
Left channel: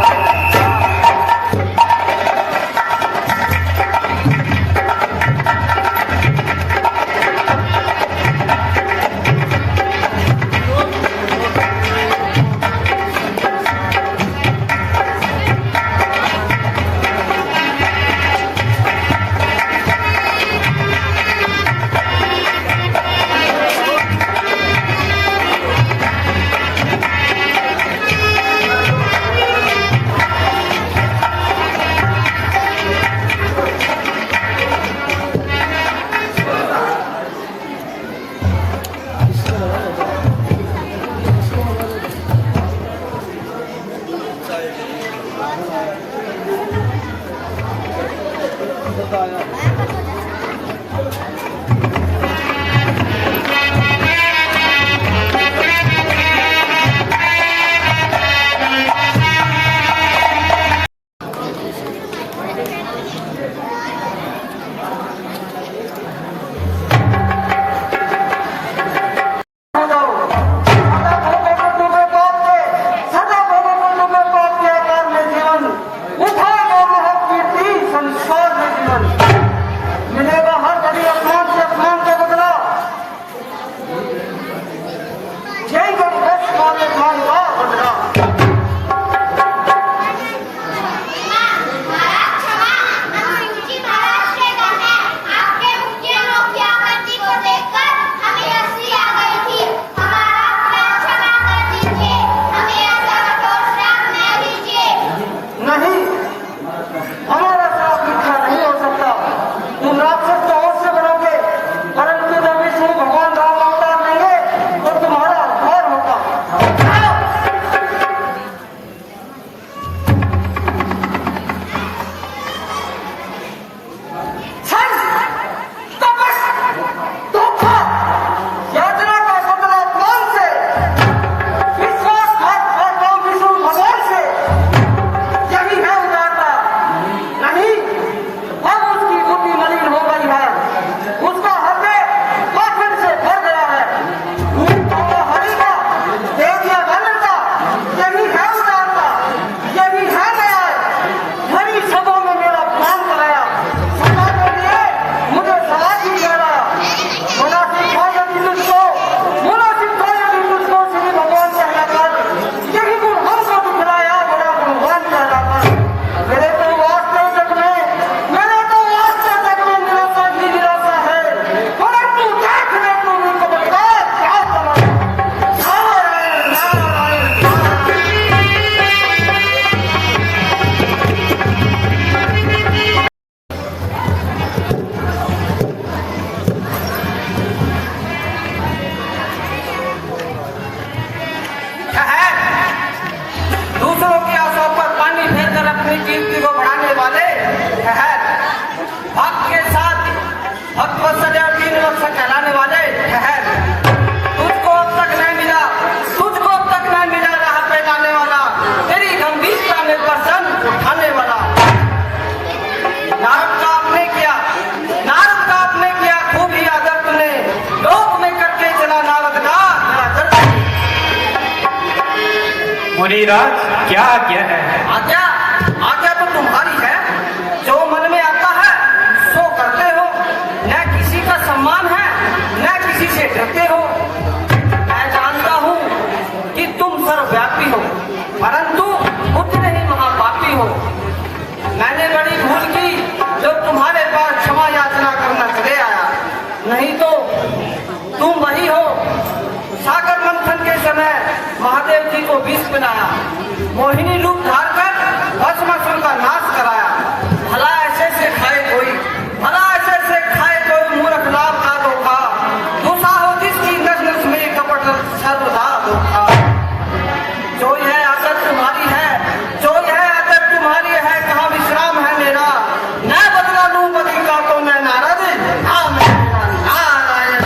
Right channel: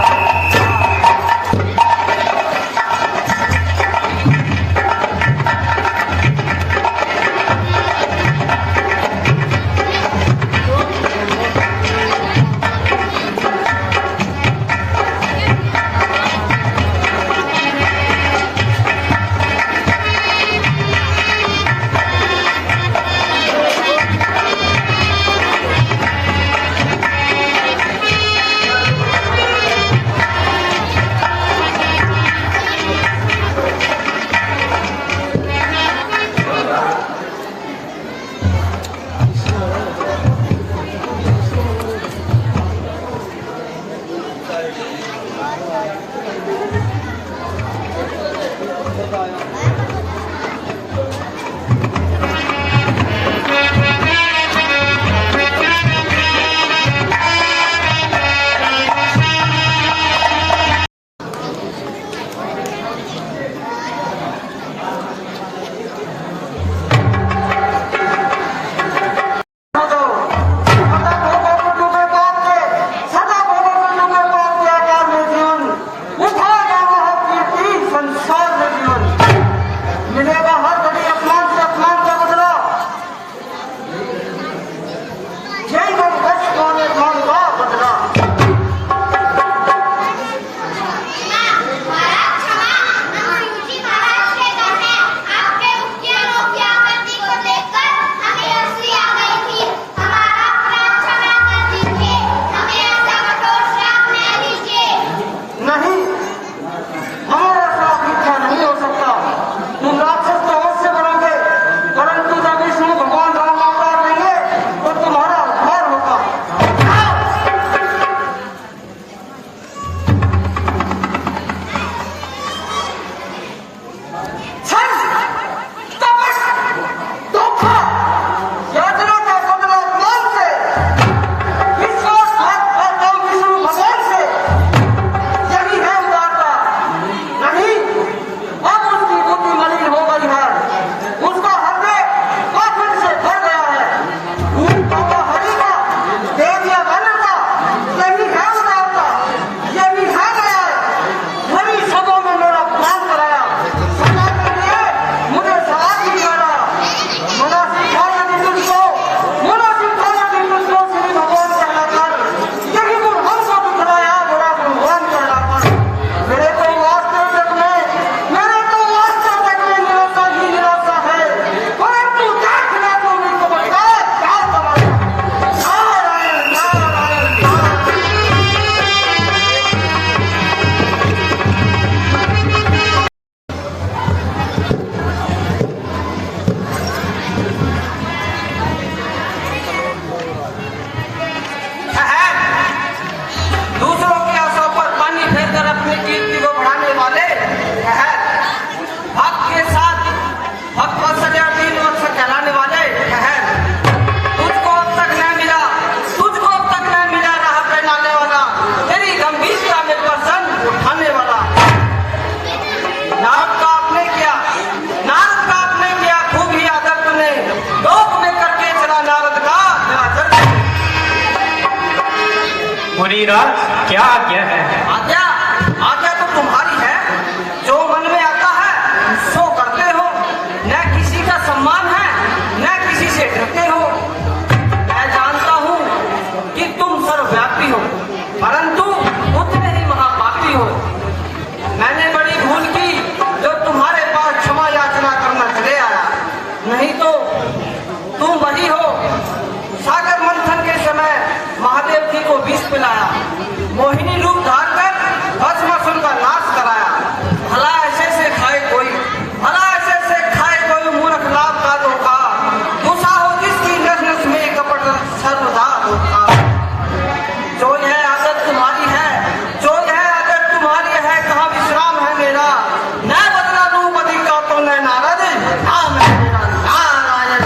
मुनिराज क्या आज्ञा है? आज्ञा आज्ञा तो तुम्हारी है, जो मन में आता है सो करते हो। न किसी का सम्मान है न किसी से डरते हो। मैं जानता हूँ कि तुम सर्वव्यापी हो, परंतु उतने ही महापापी हो। मैंने बड़ी भूल की जो तुम्हारे पास क्षमा याचना करना चले आया, नहीं तो तुम वही हो सागर मंथन के समय महादेव जी को विष पिलाया, मोहिनी रूप धार कर भस्मासुर का नाश कराया। भला ऐसे से खाए कोई, भला ऐसे से खाए कोई मूर्ख लाभ का धोखा। दूसरा हो जिसकी नजर में कपट सर्वदा धोखा। जो यह आदत तुम्हारी है, जो यह आदत तुम्हारी है, कहाँ विश्राम है मेरा? न बदला लूं बदी का तो मैं नारद, नाम है मेरा नारायण।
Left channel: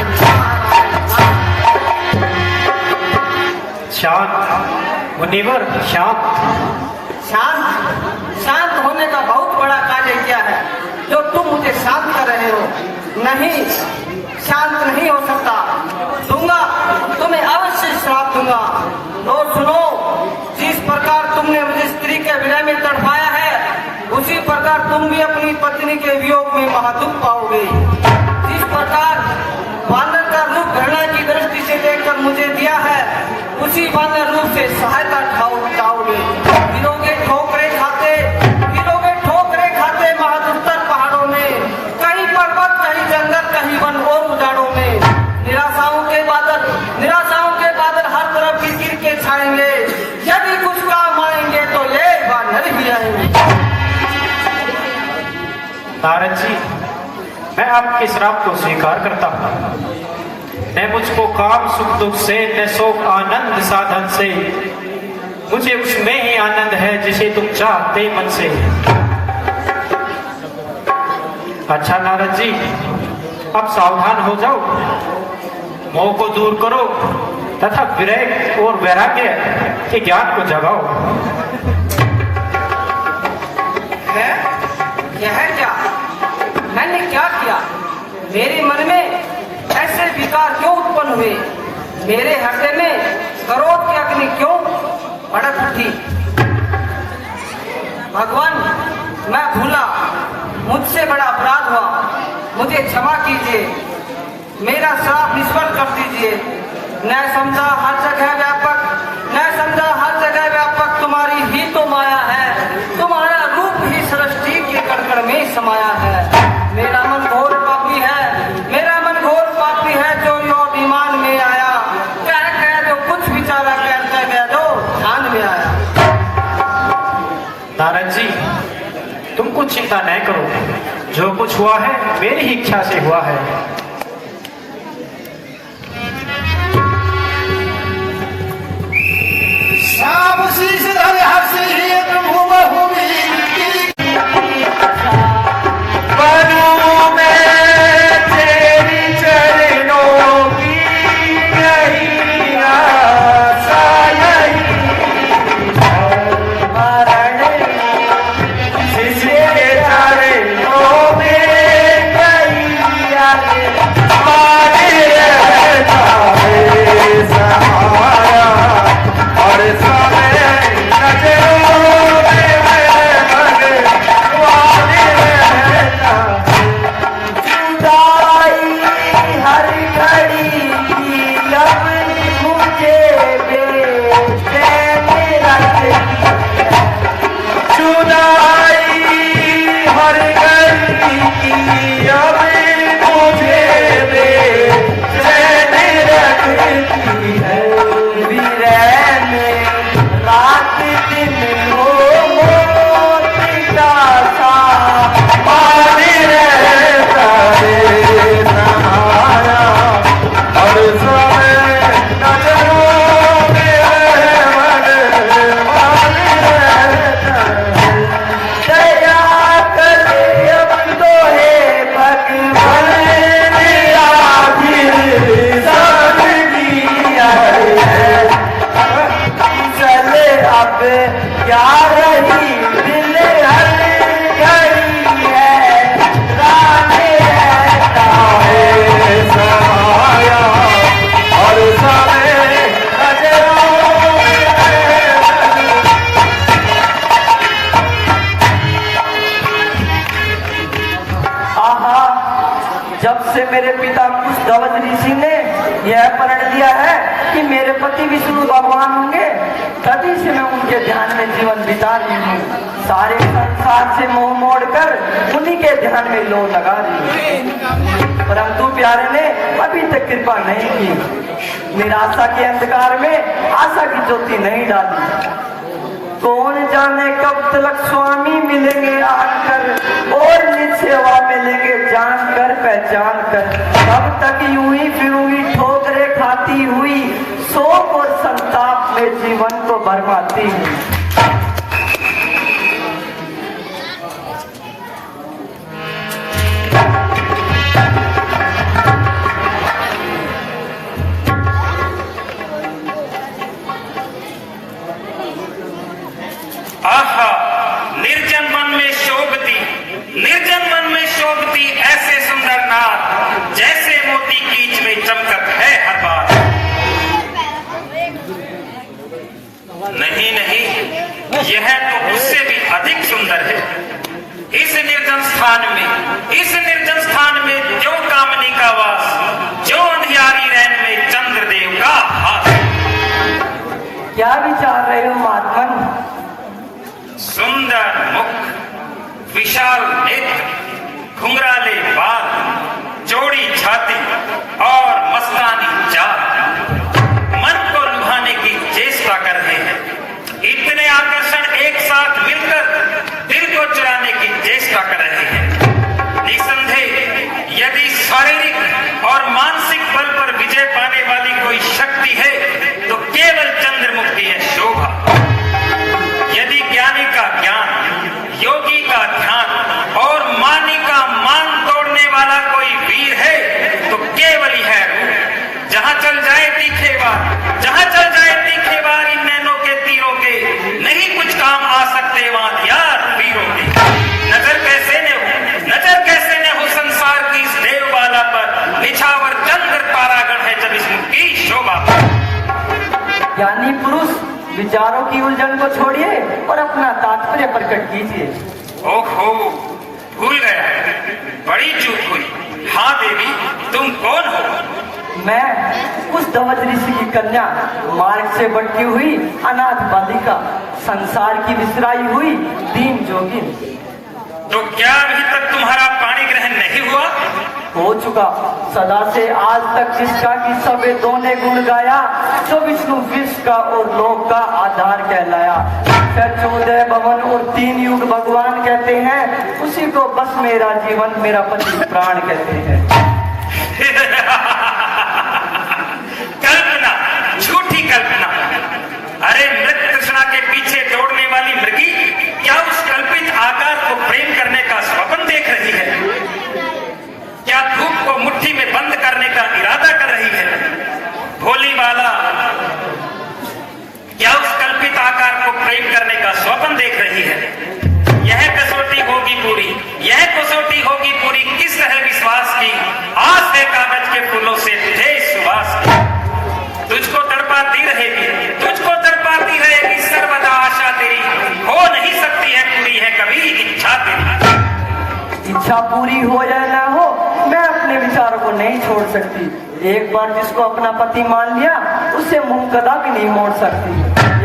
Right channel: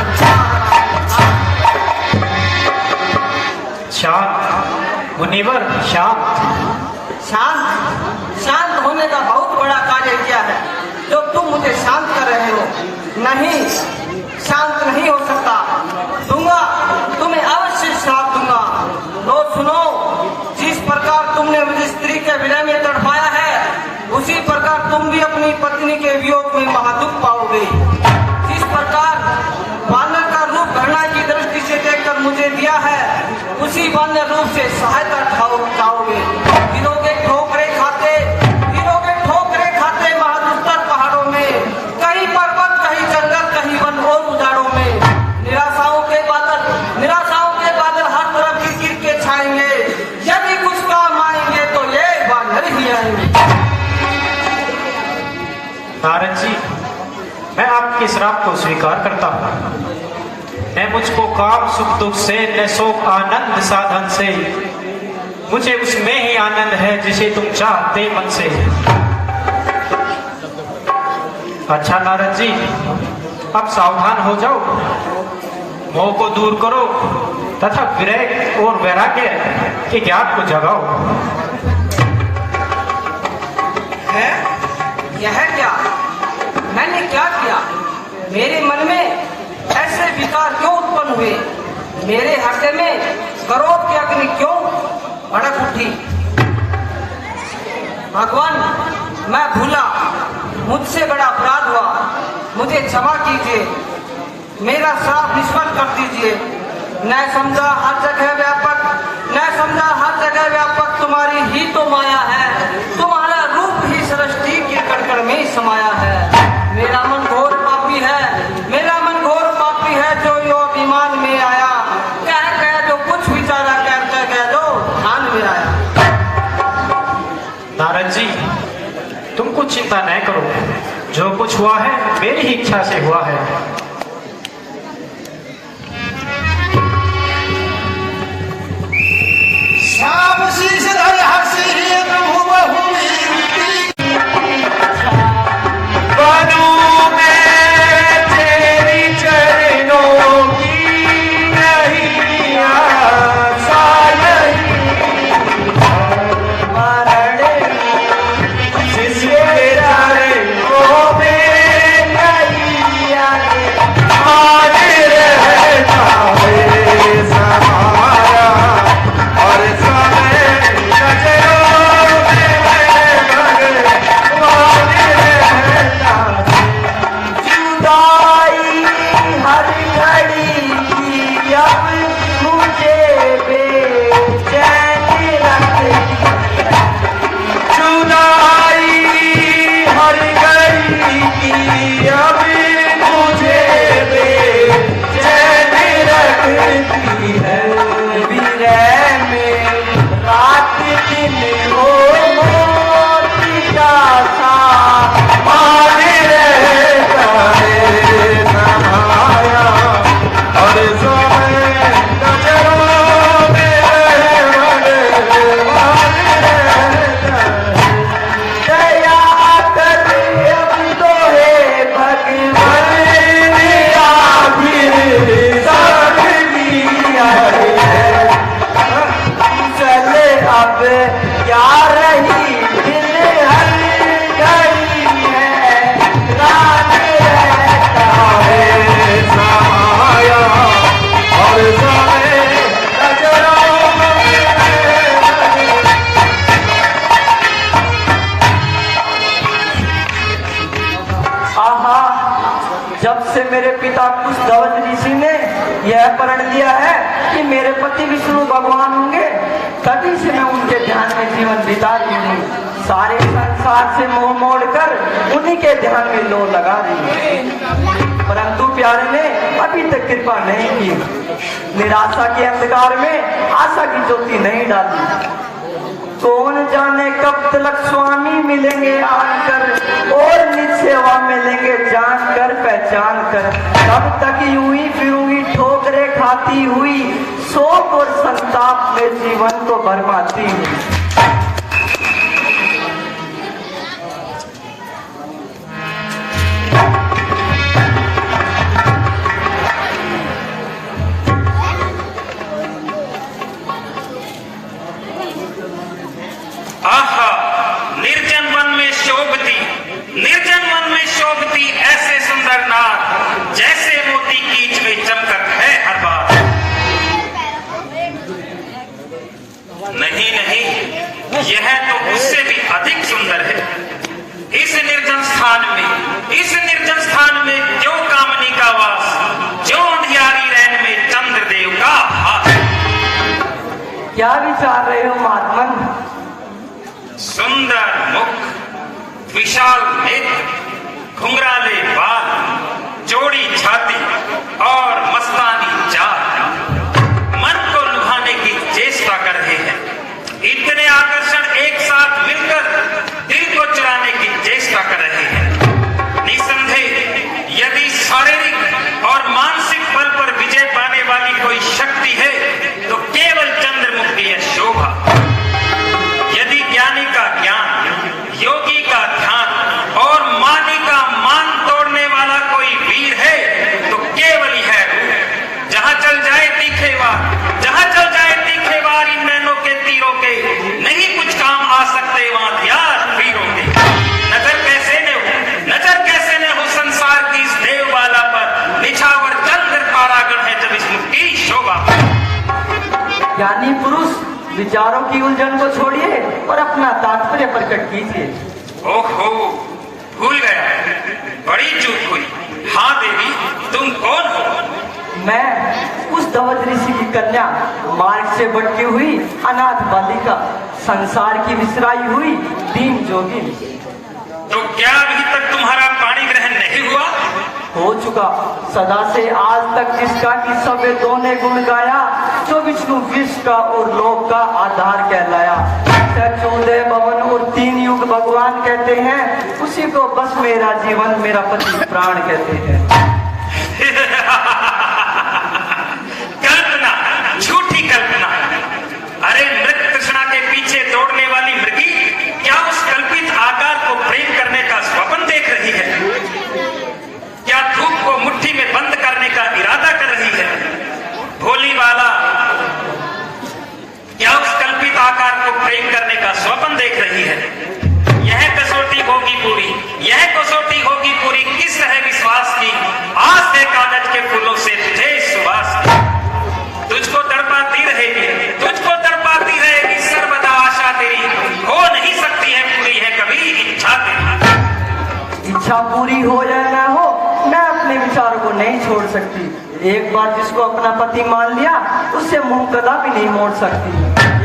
शांत मुनिवर, शांत। शांत शांत होने का बहुत बड़ा कार्य क्या है जो तुम मुझे शांत कर रहे हो? नहीं, शांत नहीं हो सकता। दूंगा आपके श्राप को स्वीकार करता हूँ। न मुझको काम सुख दुख से, न शोक आनंद साधन से, मुझे उसमें ही आनंद है जिसे तुम चाहते मन से। अच्छा नारद जी, अब सावधान हो जाओ, मोह को दूर करो तथा विवेक और वैराग्य के ज्ञान को जगाओ। है यह क्या? मैंने क्या किया? मेरे मन में ऐसे विकार क्यों उत्पन्न हुए? मेरे हृदय में क्रोध की अग्नि क्यों भड़क उठी? भगवान, मैं भूला, मुझसे बड़ा अपराध हुआ, मुझे क्षमा कीजिए, मेरा श्राप निष्फल कर दीजिए। न समझा हर जगह व्यापक, न समझा हर जगह व्यापक तुम्हारी ही तो माया है, तुम्हारा रूप ही सृष्टि के कण में समाया है। मेरा मन घोर पापी है, मेरा मन घोर पापी है, जो यो अभिमान में आया, कह जो कुछ विचारा कहता गया जो ध्यान में आया। नारद जी, तुम कुछ चिंता नहीं करो, जो कुछ हुआ है मेरी ही इच्छा से हुआ है। श्याम शीश धर हंसी तुम बहुमीति, बनूं मैं तेरी चरणों की नहीं आशा नहीं, जिसके चरणों में नहीं आए, हमारे रहता है सहारा, और सारे नजरों में भगवान रहता है। जुदाई हर घड़ी की अब मुझे बेचैन रखती, जुदाई हर घड़ी की अब मुझे बेचैन रखती है। विरह में रात दिन हो मोती का सा मारे रहता है सहारा, और समय नजरों में दया कर अब तो है भगवान, आखिर सादगी है, चले अब क्या रही दिल हर घड़ी है, राने रहता है सहारा, और सारे नजरों में आहा, जब से मेरे पिता कुशध्वज ऋषि ने यह प्रण लिया है कि मेरे पति विष्णु भगवान होंगे, तभी से मैं उनके ध्यान में जीवन बिता रही हूँ। सारे संसार से मोह मोड़कर उन्हीं के ध्यान में लो लगा रही हूँ, परंतु प्यारे ने अभी तक कृपा नहीं की। निराशा के अंधकार में आशा की ज्योति नहीं डाली। कौन जाने कब तक स्वामी मिलेंगे आकर, और निज सेवा मिलेंगे जानकर पहचान कर। कब तक यूं ही फिरूंगी ठोकरें खाती हुई, शोक और संताप में जीवन को बर्बादी हुई। आहा, निर्जन मन में शोभती, निर्जन मन में शोभती ऐसे सुंदर नार, जैसे मोती कीच में चमकत है हर बार। नहीं नहीं, यह तो उससे भी अधिक सुंदर है। इस निर्जन स्थान में, इस निर्जन स्थान में जो कामनी का वास, जो अंधियारी रैन में चंद्रदेव का हाथ। क्या विचार रहे हो महात्मन? सुंदर मुख, विशाल नेत्र, घुंघराले बाल, चौड़ी छाती और मस्तानी चाल, मन को लुभाने की चेष्टा कर रहे हैं। इतने आकर्षण एक साथ मिलकर दिल को चुराने की चेष्टा कर रहे हैं। निसंदेह यदि विचारों की उलझन को छोड़िए और अपना तात्पर्य प्रकट कीजिए। ओहो, भूल गया, बड़ी चूक हुई। हाँ देवी, तुम कौन हो? मैं उस धवज ऋषि की कन्या, मार्ग से भटकी हुई अनाथ बालिका, संसार की विसराई हुई दीन जोगिन। तो क्या अभी तक तुम्हारा पाणी ग्रहण नहीं हुआ? हो चुका, सदा से आज तक जिसका कि सबे दोने गुण गाया, जो विष्णु विश्व का और लोक का आधार कहलाया। चौदह भवन और 3 युग भगवान कहते हैं, उसी को बस मेरा जीवन मेरा पति प्राण कहते हैं। कल्पना, झूठी कल्पना। अरे मृत तृष्णा के पीछे दौड़ने वाली मृगी क्या उस कल्पित आकार को प्रेम करने का स्वप्न देख रही है? क्या धूप को मुट्ठी में बंद करने का इरादा कर रही है? भोली वाला, क्या उस कल्पित आकार को प्रेम करने का स्वप्न देख रही है? यह कसौटी होगी पूरी, यह कसौटी होगी पूरी किस है विश्वास की, आज से कागज के फूलों से थे सुवास की। तुझको तड़पाती रहेगी, तुझको तड़पाती रहेगी सर्वदा आशा तेरी, हो नहीं सकती है पूरी है कभी इच्छा तेरी। इच्छा पूरी हो या ना हो, मैं अपने विचारों को नहीं छोड़ सकती। एक बार जिसको अपना पति मान लिया, उससे मुंह कदा भी नहीं मोड़ सकती।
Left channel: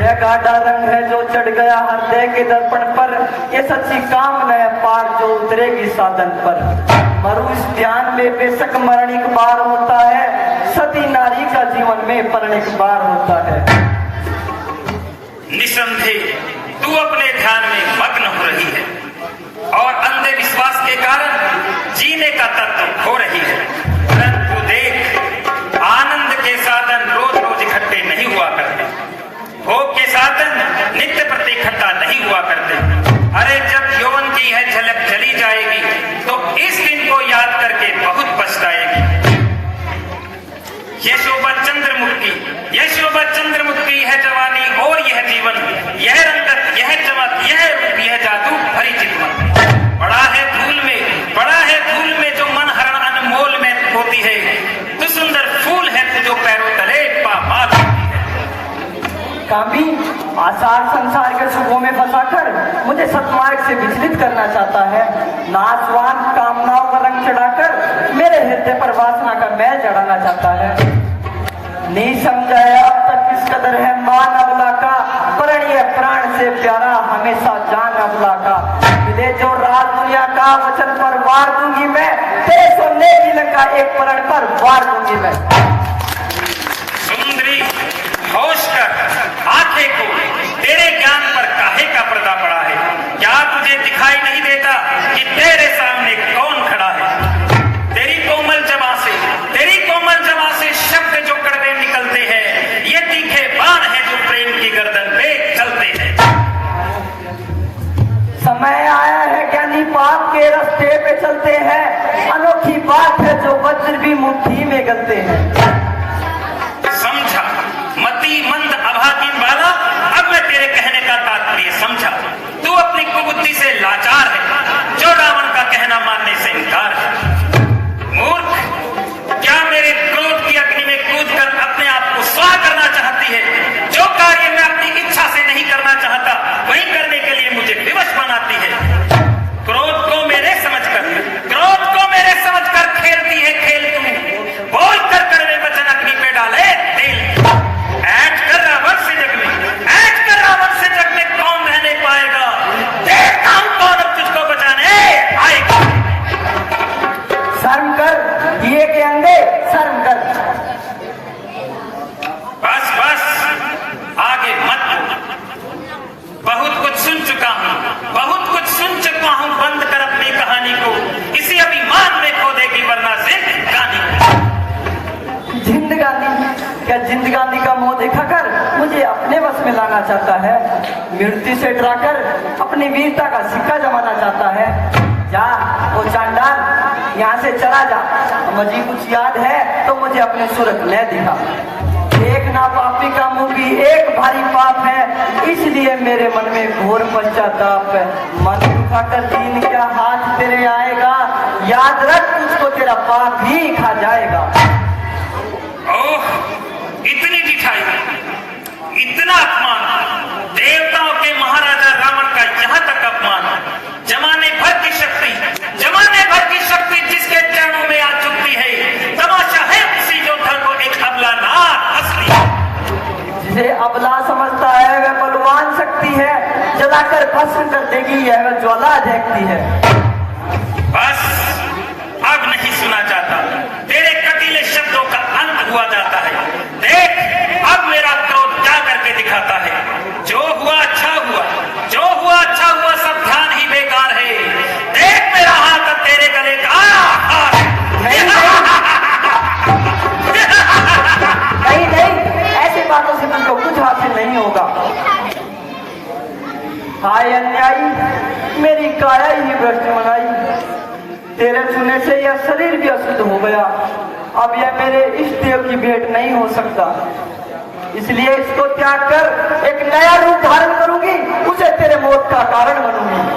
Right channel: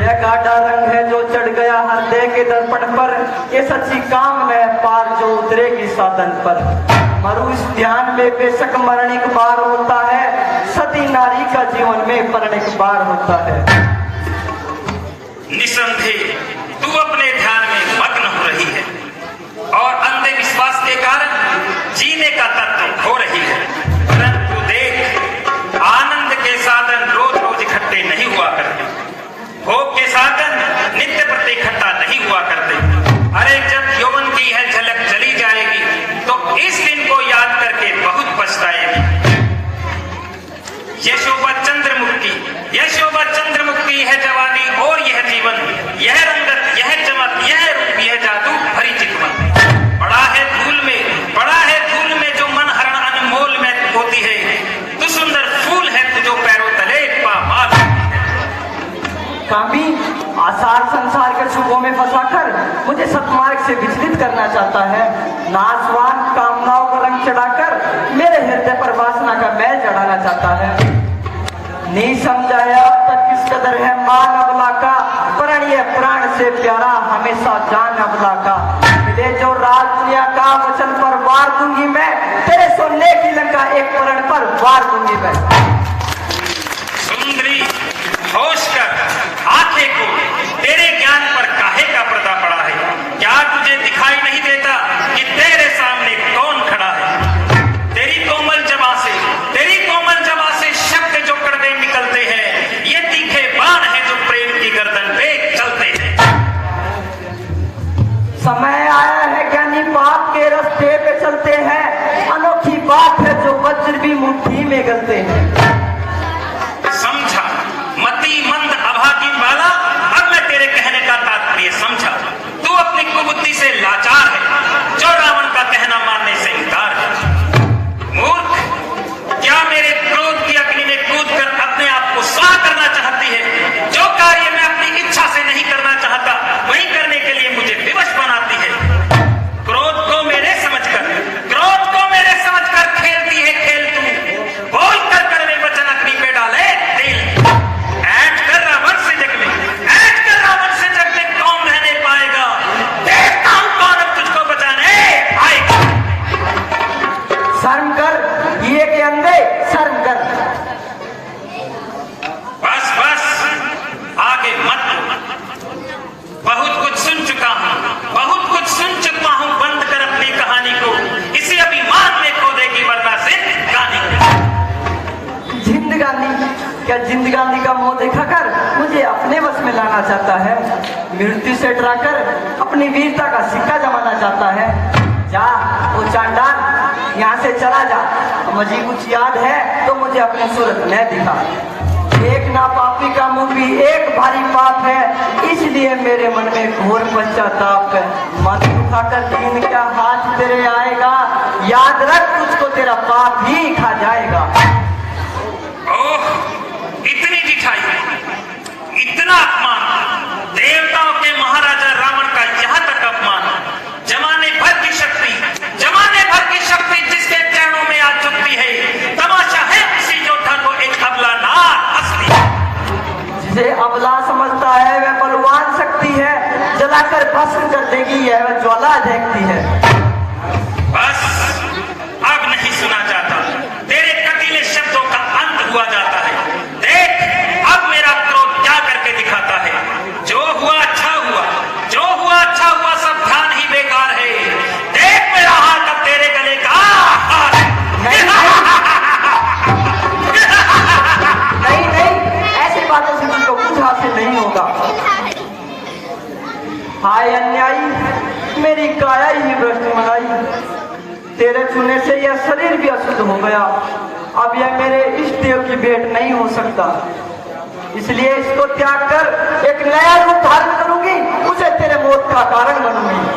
यह गाढ़ा रंग है जो चढ़ गया हृदय के दर्पण पर, ये सच्ची कामना है पार जो उतरेगी साधन पर। मरु इस ध्यान में बेशक मरण एक बार होता है, सती नारी का जीवन में मरण एक बार होता है। निसंदेह तू अपने ध्यान में मग्न हो रही है और अंधे विश्वास के कारण जीने का तत्व खो रही है। परंतु देख, आनंद के साधन रोज रोज इकट्ठे नहीं हुआ करते, भोग के साधन नित्य प्रति इकट्ठा नहीं हुआ करते। अरे जब यौवन की यह झलक चली जाएगी तो इस दिन को याद करके बहुत पछताएगी। ये शोभा चंद्रमुखी, यह शोभा चंद्रमुखी है जवानी और यह जीवन, यह रंगत, यह चमक, यह रूप, यह जादू भरी जीवन। बड़ा है धूल में, बड़ा है धूल में जो मन हरण अनमोल में होती है। तू सुंदर फूल है तू जो पैरों तले पाप कामी आसार संसार के सुखों में फंसाकर मुझे सतमार्ग से विचलित करना चाहता है। नासवान कामनाओं का रंग चढ़ाकर मेरे हृदय पर वासना का मैल चढ़ाना चाहता है। नहीं समझा है अब तक किस कदर है मान अबला का, वरण ये प्राण से प्यारा हमेशा जान अबला का। मिले जो राज दुनिया का वचन पर वार दूंगी मैं, तेरे सोने की लंका एक प्रण पर वार दूंगी मैं। सुंदरी, होश कर, आंखें को तेरे ज्ञान पर काहे का पर्दा पड़ा है? क्या तुझे दिखाई नहीं देता कि तेरे सामने कौन खड़ा है? तेरी कोमल जबां से, तेरी कोमल जबां से शब्द जो कड़वे निकलते हैं, ये तीखे बाण है जो प्रेम की गर्दन पे चलते हैं। समय आया है ज्ञानी पाप के रास्ते पे चलते हैं, अनोखी बात है जो वज्र भी मुट्ठी में गलते हैं। समझा मति मंद अभागी वाला, अब मैं तेरे कहने का तात्पर्य समझा। तू अपनी कुबुद्धि से लाचार है, जो रावण का कहना मानने से इनकार है। मूर्ख, क्या मेरे क्रोध की अग्नि में कूदकर अपने आप को स्वाह करना चाहती है? जो कार्य मैं अपनी इच्छा से नहीं करना चाहता, वही करने के लिए मुझे विवश बनाती है। क्रोध को मेरे समझकर, क्रोध को मेरे समझकर खेलती है खेल तू। बोल कर कड़वे वचन अग्नि पे डाले तेल। ऐठ कर रावण से जग में, ऐठ कर रावण से जग में कौन रहने पाएगा? देखता हूं कौन अब तुझको बचाने आएगा। शर्म कर, दिए के अंधे शर्म कर। बस बस, आगे मत बोल। बहुत कुछ सुन चुका हूं, बहुत कुछ सुन चुका हूं। बंद कर अपनी कहानी को, इसे अभिमान में खो देगी वरना से कहानी। जिंदगानी, क्या जिंदगानी का मुंह दिखाकर मुझे अपने बस में लाना चाहता है? मृत्यु से डराकर अपनी वीरता का सिक्का जमाना चाहता है? जा ओ चांडाल, यहाँ से चला जा। मुझे कुछ याद है तो मुझे अपनी सूरत ले दिखा। एक ना पापी का मुंह भी एक भारी पाप है, इसलिए मेरे मन में घोर पश्चाताप है। मन उठाकर दीन का हाथ तेरे आएगा, याद रख तुझको तेरा पाप ही खा जाएगा। ओह, इतनी दिखाई, इतना अपमान, जलाकर भस्म कर देगी, यह ज्वाला देखती है। बस अब नहीं सुना जाता, तेरे कटीले शब्दों का अंत हुआ जाता है। देख अब मेरा क्रोध क्या करके दिखाता है। जो हुआ अच्छा हुआ, जो हुआ अच्छा हुआ, सब ध्यान ही बेकार है। देख मेरा हाथ अब तेरे गले का नहीं नहीं, ऐसे बातों से तुमको कुछ हासिल नहीं होगा। हाय अन्यायी, मेरी काया ही भ्रष्ट मंगाई, तेरे छूने से यह शरीर भी अशुद्ध हो गया। अब यह मेरे इष्ट देव की भेंट नहीं हो सकता, इसलिए इसको त्याग कर एक नया रूप धारण करूंगी, उसे तेरे मौत का कारण बनूंगी।